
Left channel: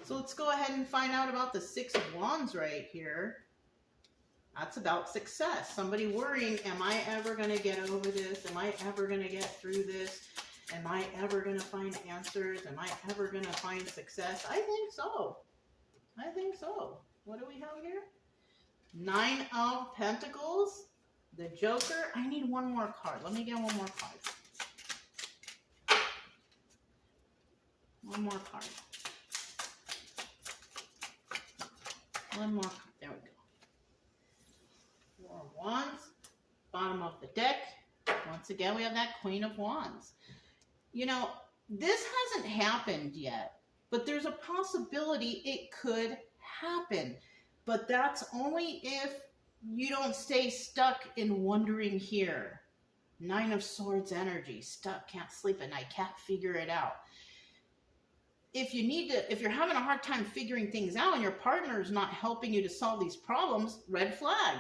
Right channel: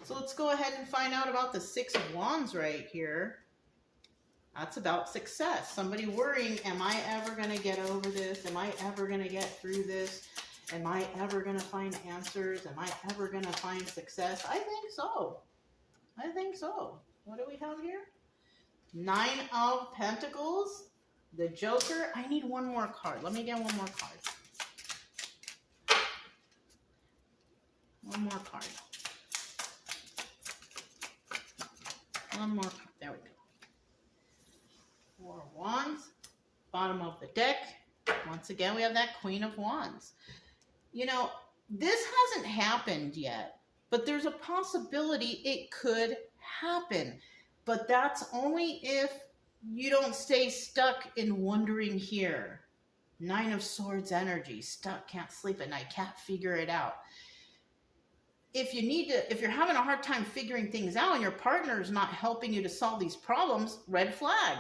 So let's go ahead and find out about the 6 of Wands right here. That's about success. Somebody worrying, am I ever going to get over this? Am I ever going to get through this? Am I ever going to find answers? Am I ever going to find success? I think so. I think so. What do we have here? 9 of Pentacles. The Joker. I need one more card. Let me get one more card. One more card. One more card. There we go. 4 of Wands, bottom of the deck. Once again, we have that Queen of Wands. You know, this hasn't happened yet, but there's a possibility it could happen. But that's only if you don't stay stuck in wondering here. 9 of Swords energy, stuck, can't sleep at night, can't figure it out. If you're having a hard time figuring things out and your partner is not helping you to solve these problems, red flag.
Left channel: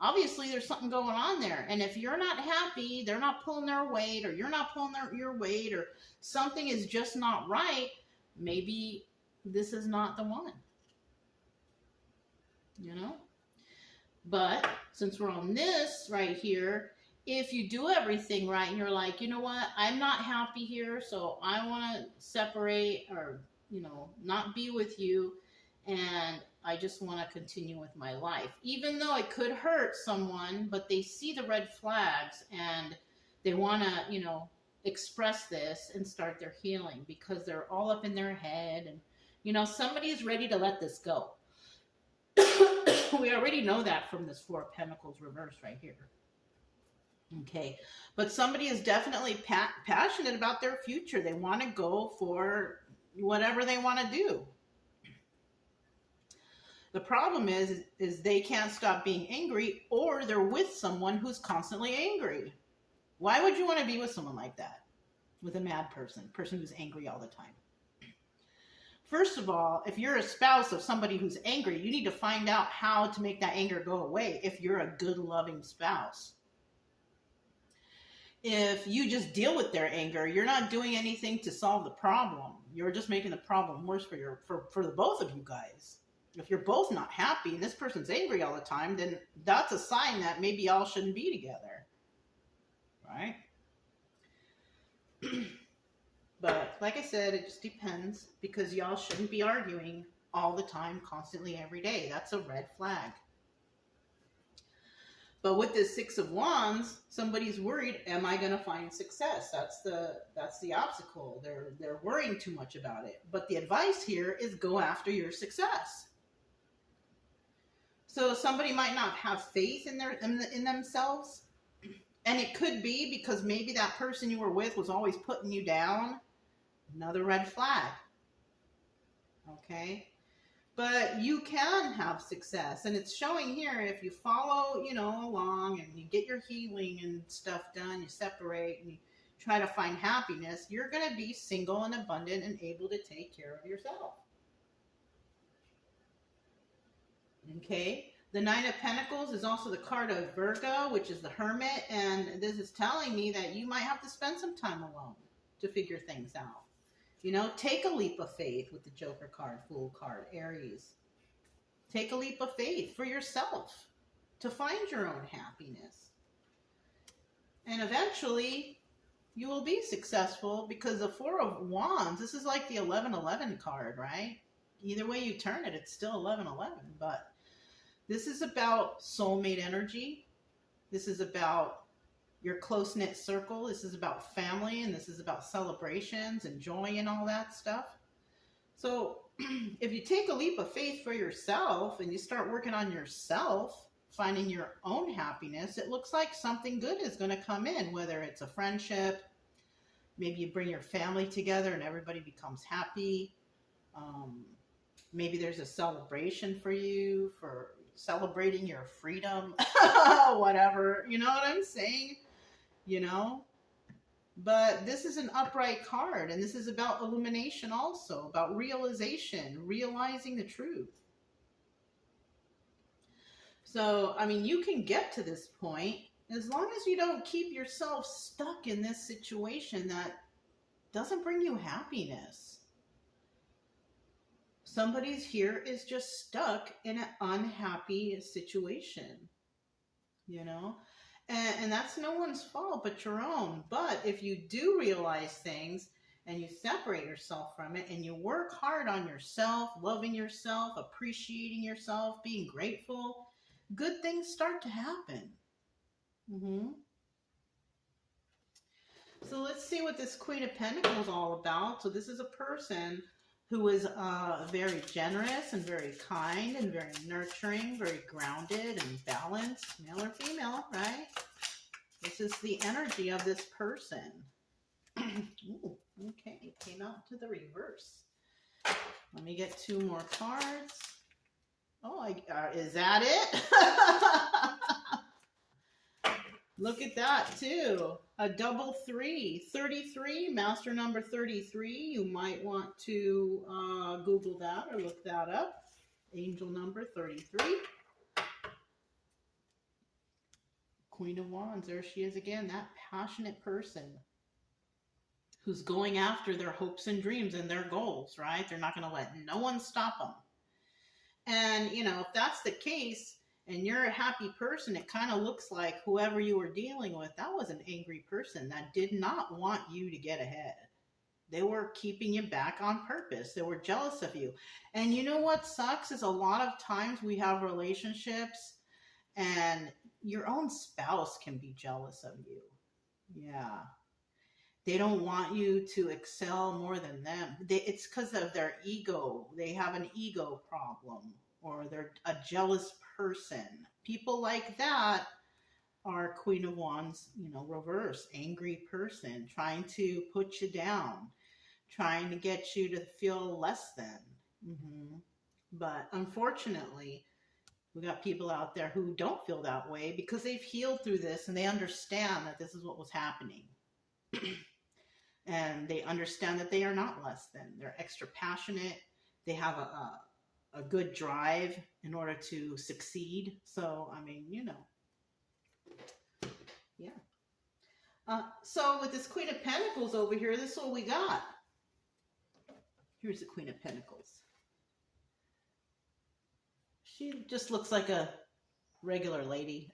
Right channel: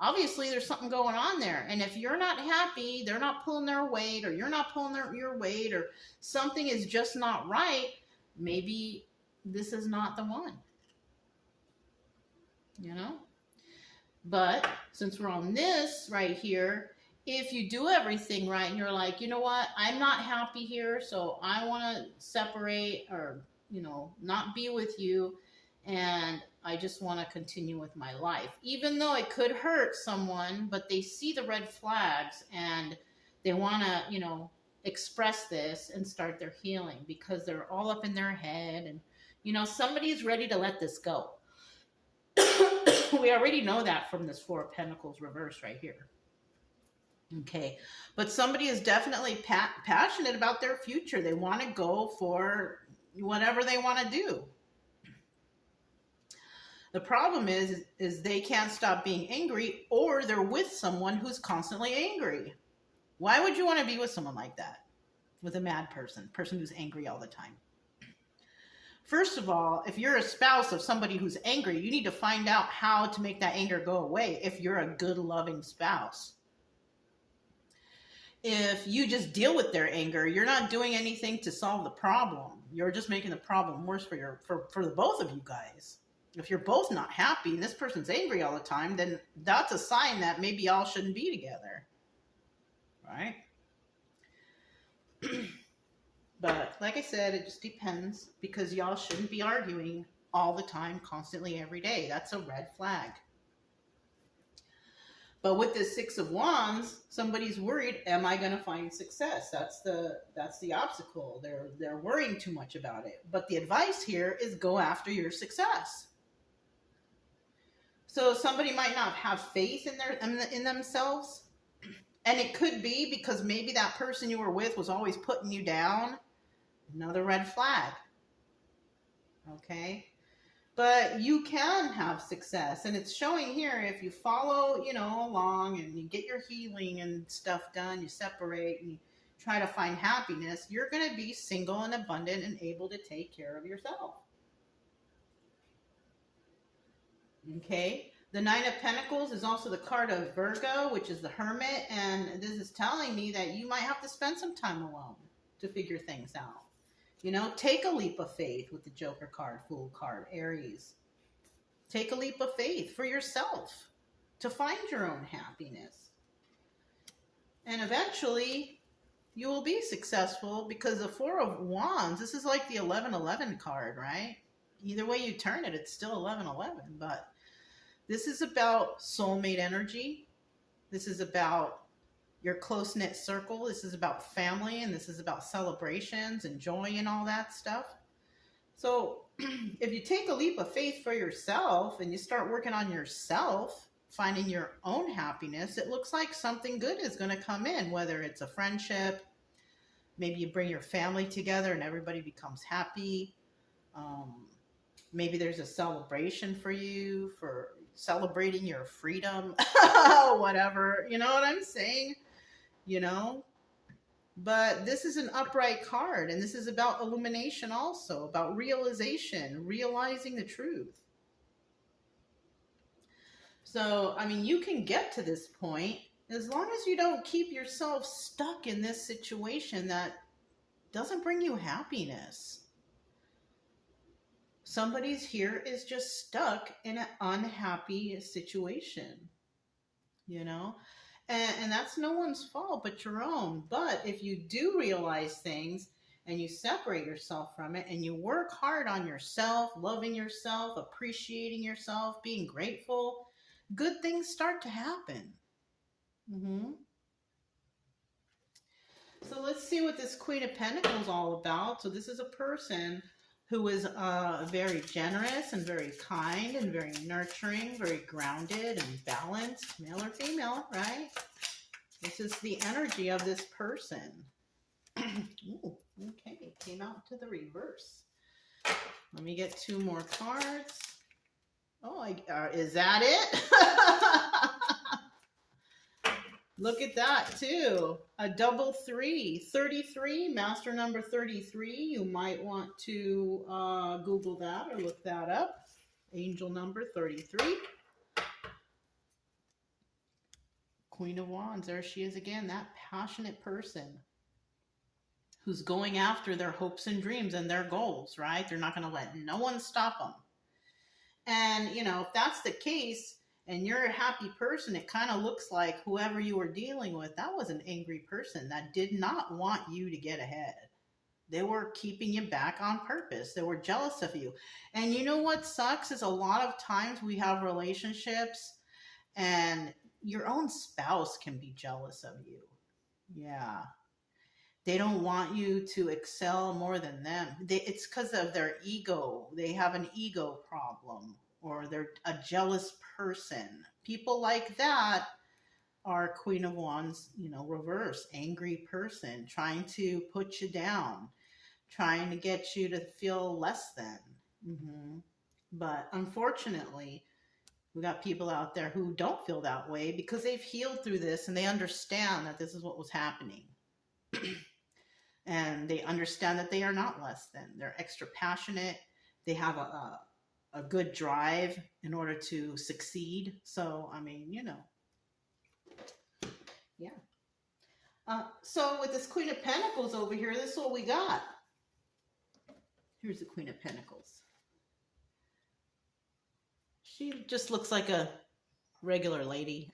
Obviously, there's something going on there. And if you're not happy, they're not pulling their weight, or you're not pulling your weight, or something is just not right, maybe this is not the one. You know? But since we're on this right here, if you do everything right and you're like, you know what, I'm not happy here, so I want to separate, or, you know, not be with you, and I just want to continue with my life. Even though it could hurt someone, but they see the red flags and they want to, you know, express this and start their healing because they're all up in their head. And, you know, somebody is ready to let this go. We already know that from this 4 of Pentacles reverse right here. Okay. But somebody is definitely passionate about their future. They want to go for whatever they want to do. The problem is they can't stop being angry, or they're with someone who's constantly angry. Why would you want to be with someone like that? With a mad person who's angry all the time. First of all, if you're a spouse of somebody who's angry, you need to find out how to make that anger go away if you're a good, loving spouse. If you just deal with their anger, you're not doing anything to solve the problem. You're just making the problem worse for the both of you guys. If you're both not happy and this person's angry all the time, then that's a sign that maybe y'all shouldn't be together. Right? But like I said, it just depends, because y'all shouldn't be arguing all the time, constantly, every day. That's a red flag. But with the Six of Wands, somebody's worried, am I going to find success? That's the obstacle. They're worrying too much about it. But the advice here is go after your success. So somebody might not have faith in themselves. And it could be because maybe that person you were with was always putting you down. Another red flag. Okay? But you can have success, and it's showing here if you follow, along and you get your healing and stuff done, you separate and you try to find happiness, you're going to be single and abundant and able to take care of yourself. Okay? The Nine of Pentacles is also the card of Virgo, which is the Hermit, and this is telling me that you might have to spend some time alone to figure things out. Take a leap of faith with the Joker card, Fool card, Aries. Take a leap of faith for yourself to find your own happiness. And eventually, you will be successful, because the Four of Wands, this is like the 11-11 card, right? Either way you turn it, it's still 11-11. But this is about soulmate energy. This is about your close-knit circle. This is about family, and this is about celebrations and joy and all that stuff. So if you take a leap of faith for yourself and you start working on yourself, finding your own happiness, it looks like something good is going to come in, whether it's a friendship, maybe you bring your family together and everybody becomes happy. Maybe there's a celebration for you for celebrating your freedom, whatever, you know what I'm saying? But this is an upright card, and this is about illumination also, about realization, realizing the truth. So, you can get to this point as long as you don't keep yourself stuck in this situation that doesn't bring you happiness. Somebody's here is just stuck in an unhappy situation, And that's no one's fault but your own. But if you do realize things and you separate yourself from it and you work hard on yourself, loving yourself, appreciating yourself, being grateful, good things start to happen. So let's see what this Queen of Pentacles is all about. So this is a person who is very generous and very kind and very nurturing, very grounded and balanced, male or female, right? This is the energy of this person. Ooh, okay, came out to the reverse. Let me get two more cards. Oh, is that it? Look at that, too. A double 3. 33, master number 33. You might want to Google that or look that up. Angel number 33. Queen of Wands, there she is again. That passionate person who's going after their hopes and dreams and their goals, right? They're not going to let no one stop them. And, if that's the case, and you're a happy person, it kind of looks like whoever you were dealing with, that was an angry person that did not want you to get ahead. They were keeping you back on purpose. They were jealous of you. And you know what sucks is a lot of times we have relationships and your own spouse can be jealous of you. Yeah. They don't want you to excel more than them. It's because of their ego. They have an ego problem, or they're a jealous person. People like that are Queen of Wands, reverse, angry person, trying to put you down, trying to get you to feel less than. But unfortunately, we got people out there who don't feel that way because they've healed through this and they understand that this is what was happening. And they understand that they are not less than. They're extra passionate. They have a good drive in order to succeed. So, yeah. So with this Queen of Pentacles over here, this is what we got. Here's the Queen of Pentacles. She just looks like a regular lady.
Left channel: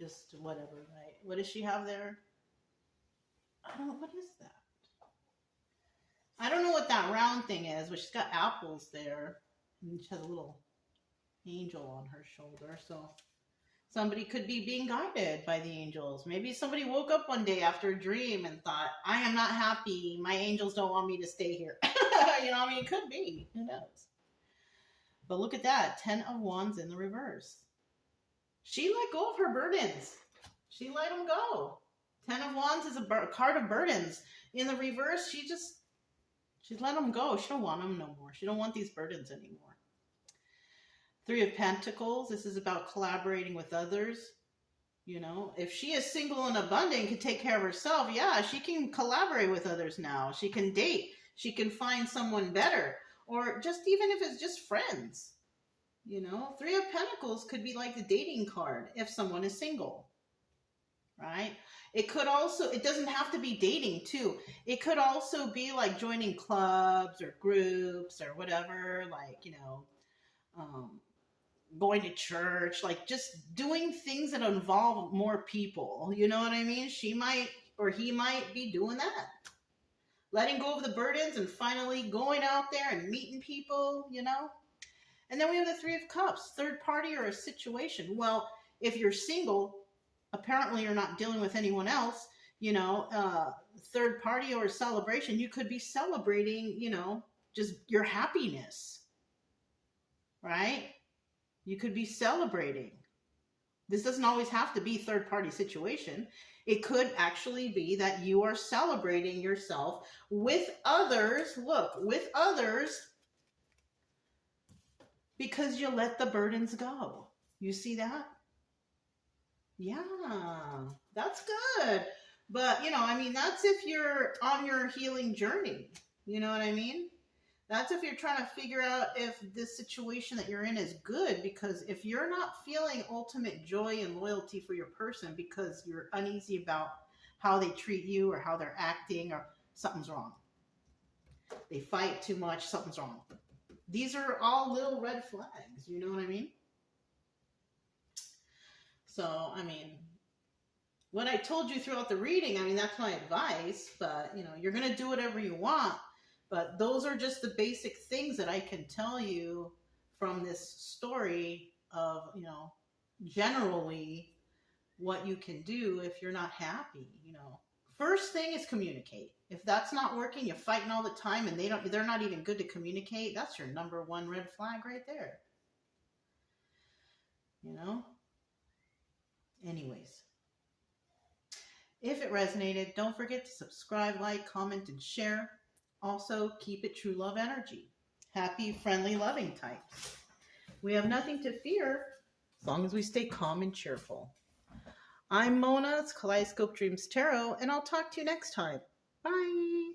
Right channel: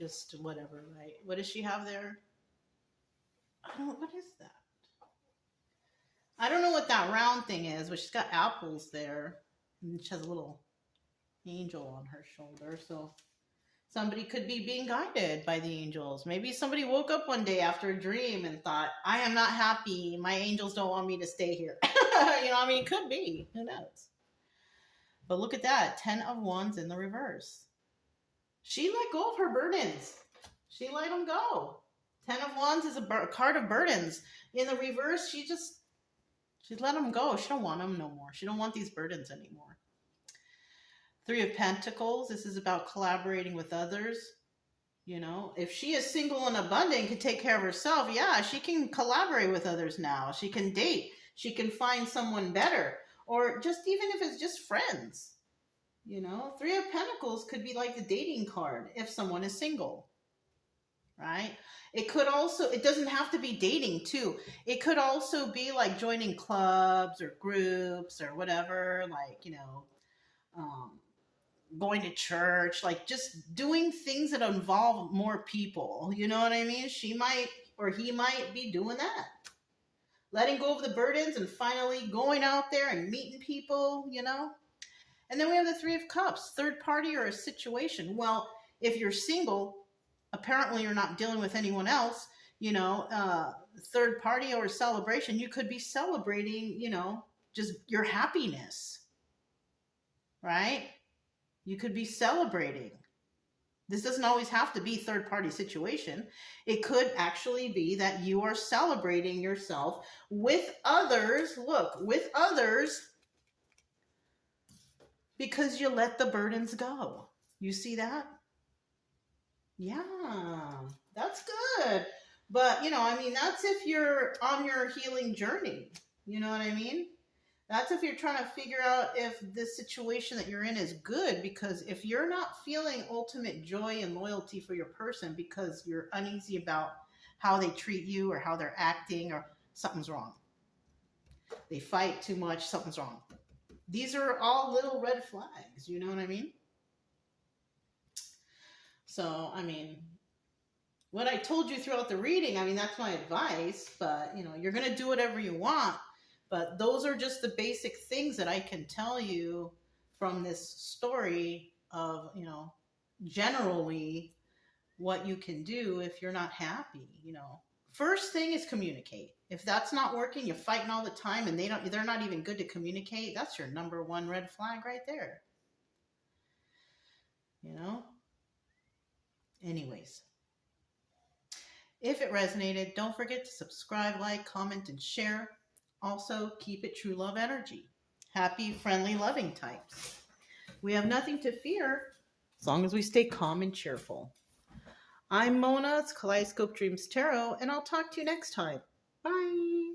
Just whatever, right? What does she have there? I don't know. What is that? I don't know what that round thing is, but she's got apples there. And she has a little angel on her shoulder. So somebody could be being guided by the angels. Maybe somebody woke up one day after a dream and thought, I am not happy. My angels don't want me to stay here. You know, I mean, it could be. Who knows? But look at that. 10 of Wands in the reverse. She let go of her burdens. She let them go. 10 of Wands is a card of burdens. In the reverse, she let them go. She don't want them no more. She don't want these burdens anymore. 3 of Pentacles. This is about collaborating with others. You know, if she is single and abundant and can take care of herself, yeah, she can collaborate with others now. She can date. She can find someone better. Or just even if it's just friends. You know, 3 of Pentacles could be like the dating card if someone is single. Right? It could also, it doesn't have to be dating too. It could also be like joining clubs or groups or whatever, like, you know, going to church, like just doing things that involve more people. You know what I mean? She might, or he might be doing that. Letting go of the burdens and finally going out there and meeting people, you know? And then we have the 3 of Cups, third party or a situation. Well, if you're single, apparently you're not dealing with anyone else, you know, third party or celebration, you could be celebrating, you know, just your happiness, right? You could be celebrating. This doesn't always have to be third party situation. It could actually be that you are celebrating yourself with others. Look, with others, because you let the burdens go. You see that? Yeah, that's good. But, you know, I mean, that's if you're on your healing journey. You know what I mean? That's if you're trying to figure out if this situation that you're in is good, because if you're not feeling ultimate joy and loyalty for your person because you're uneasy about how they treat you or how they're acting, or something's wrong. They fight too much, something's wrong. These are all little red flags, you know what I mean? So, I mean, what I told you throughout the reading, I mean, that's my advice, but, you know, you're going to do whatever you want. But those are just the basic things that I can tell you from this story of, you know, generally what you can do if you're not happy, you know. First thing is communicate. If that's not working, you're fighting all the time and they're not even good to communicate, that's your number one red flag right there. You know? Anyways. If it resonated, don't forget to subscribe, like, comment, and share. Also, keep it true love energy. Happy, friendly, loving types. We have nothing to fear as long as we stay calm and cheerful. I'm Mona, it's Kaleidoscope Dreams Tarot, and I'll talk to you next time. Bye.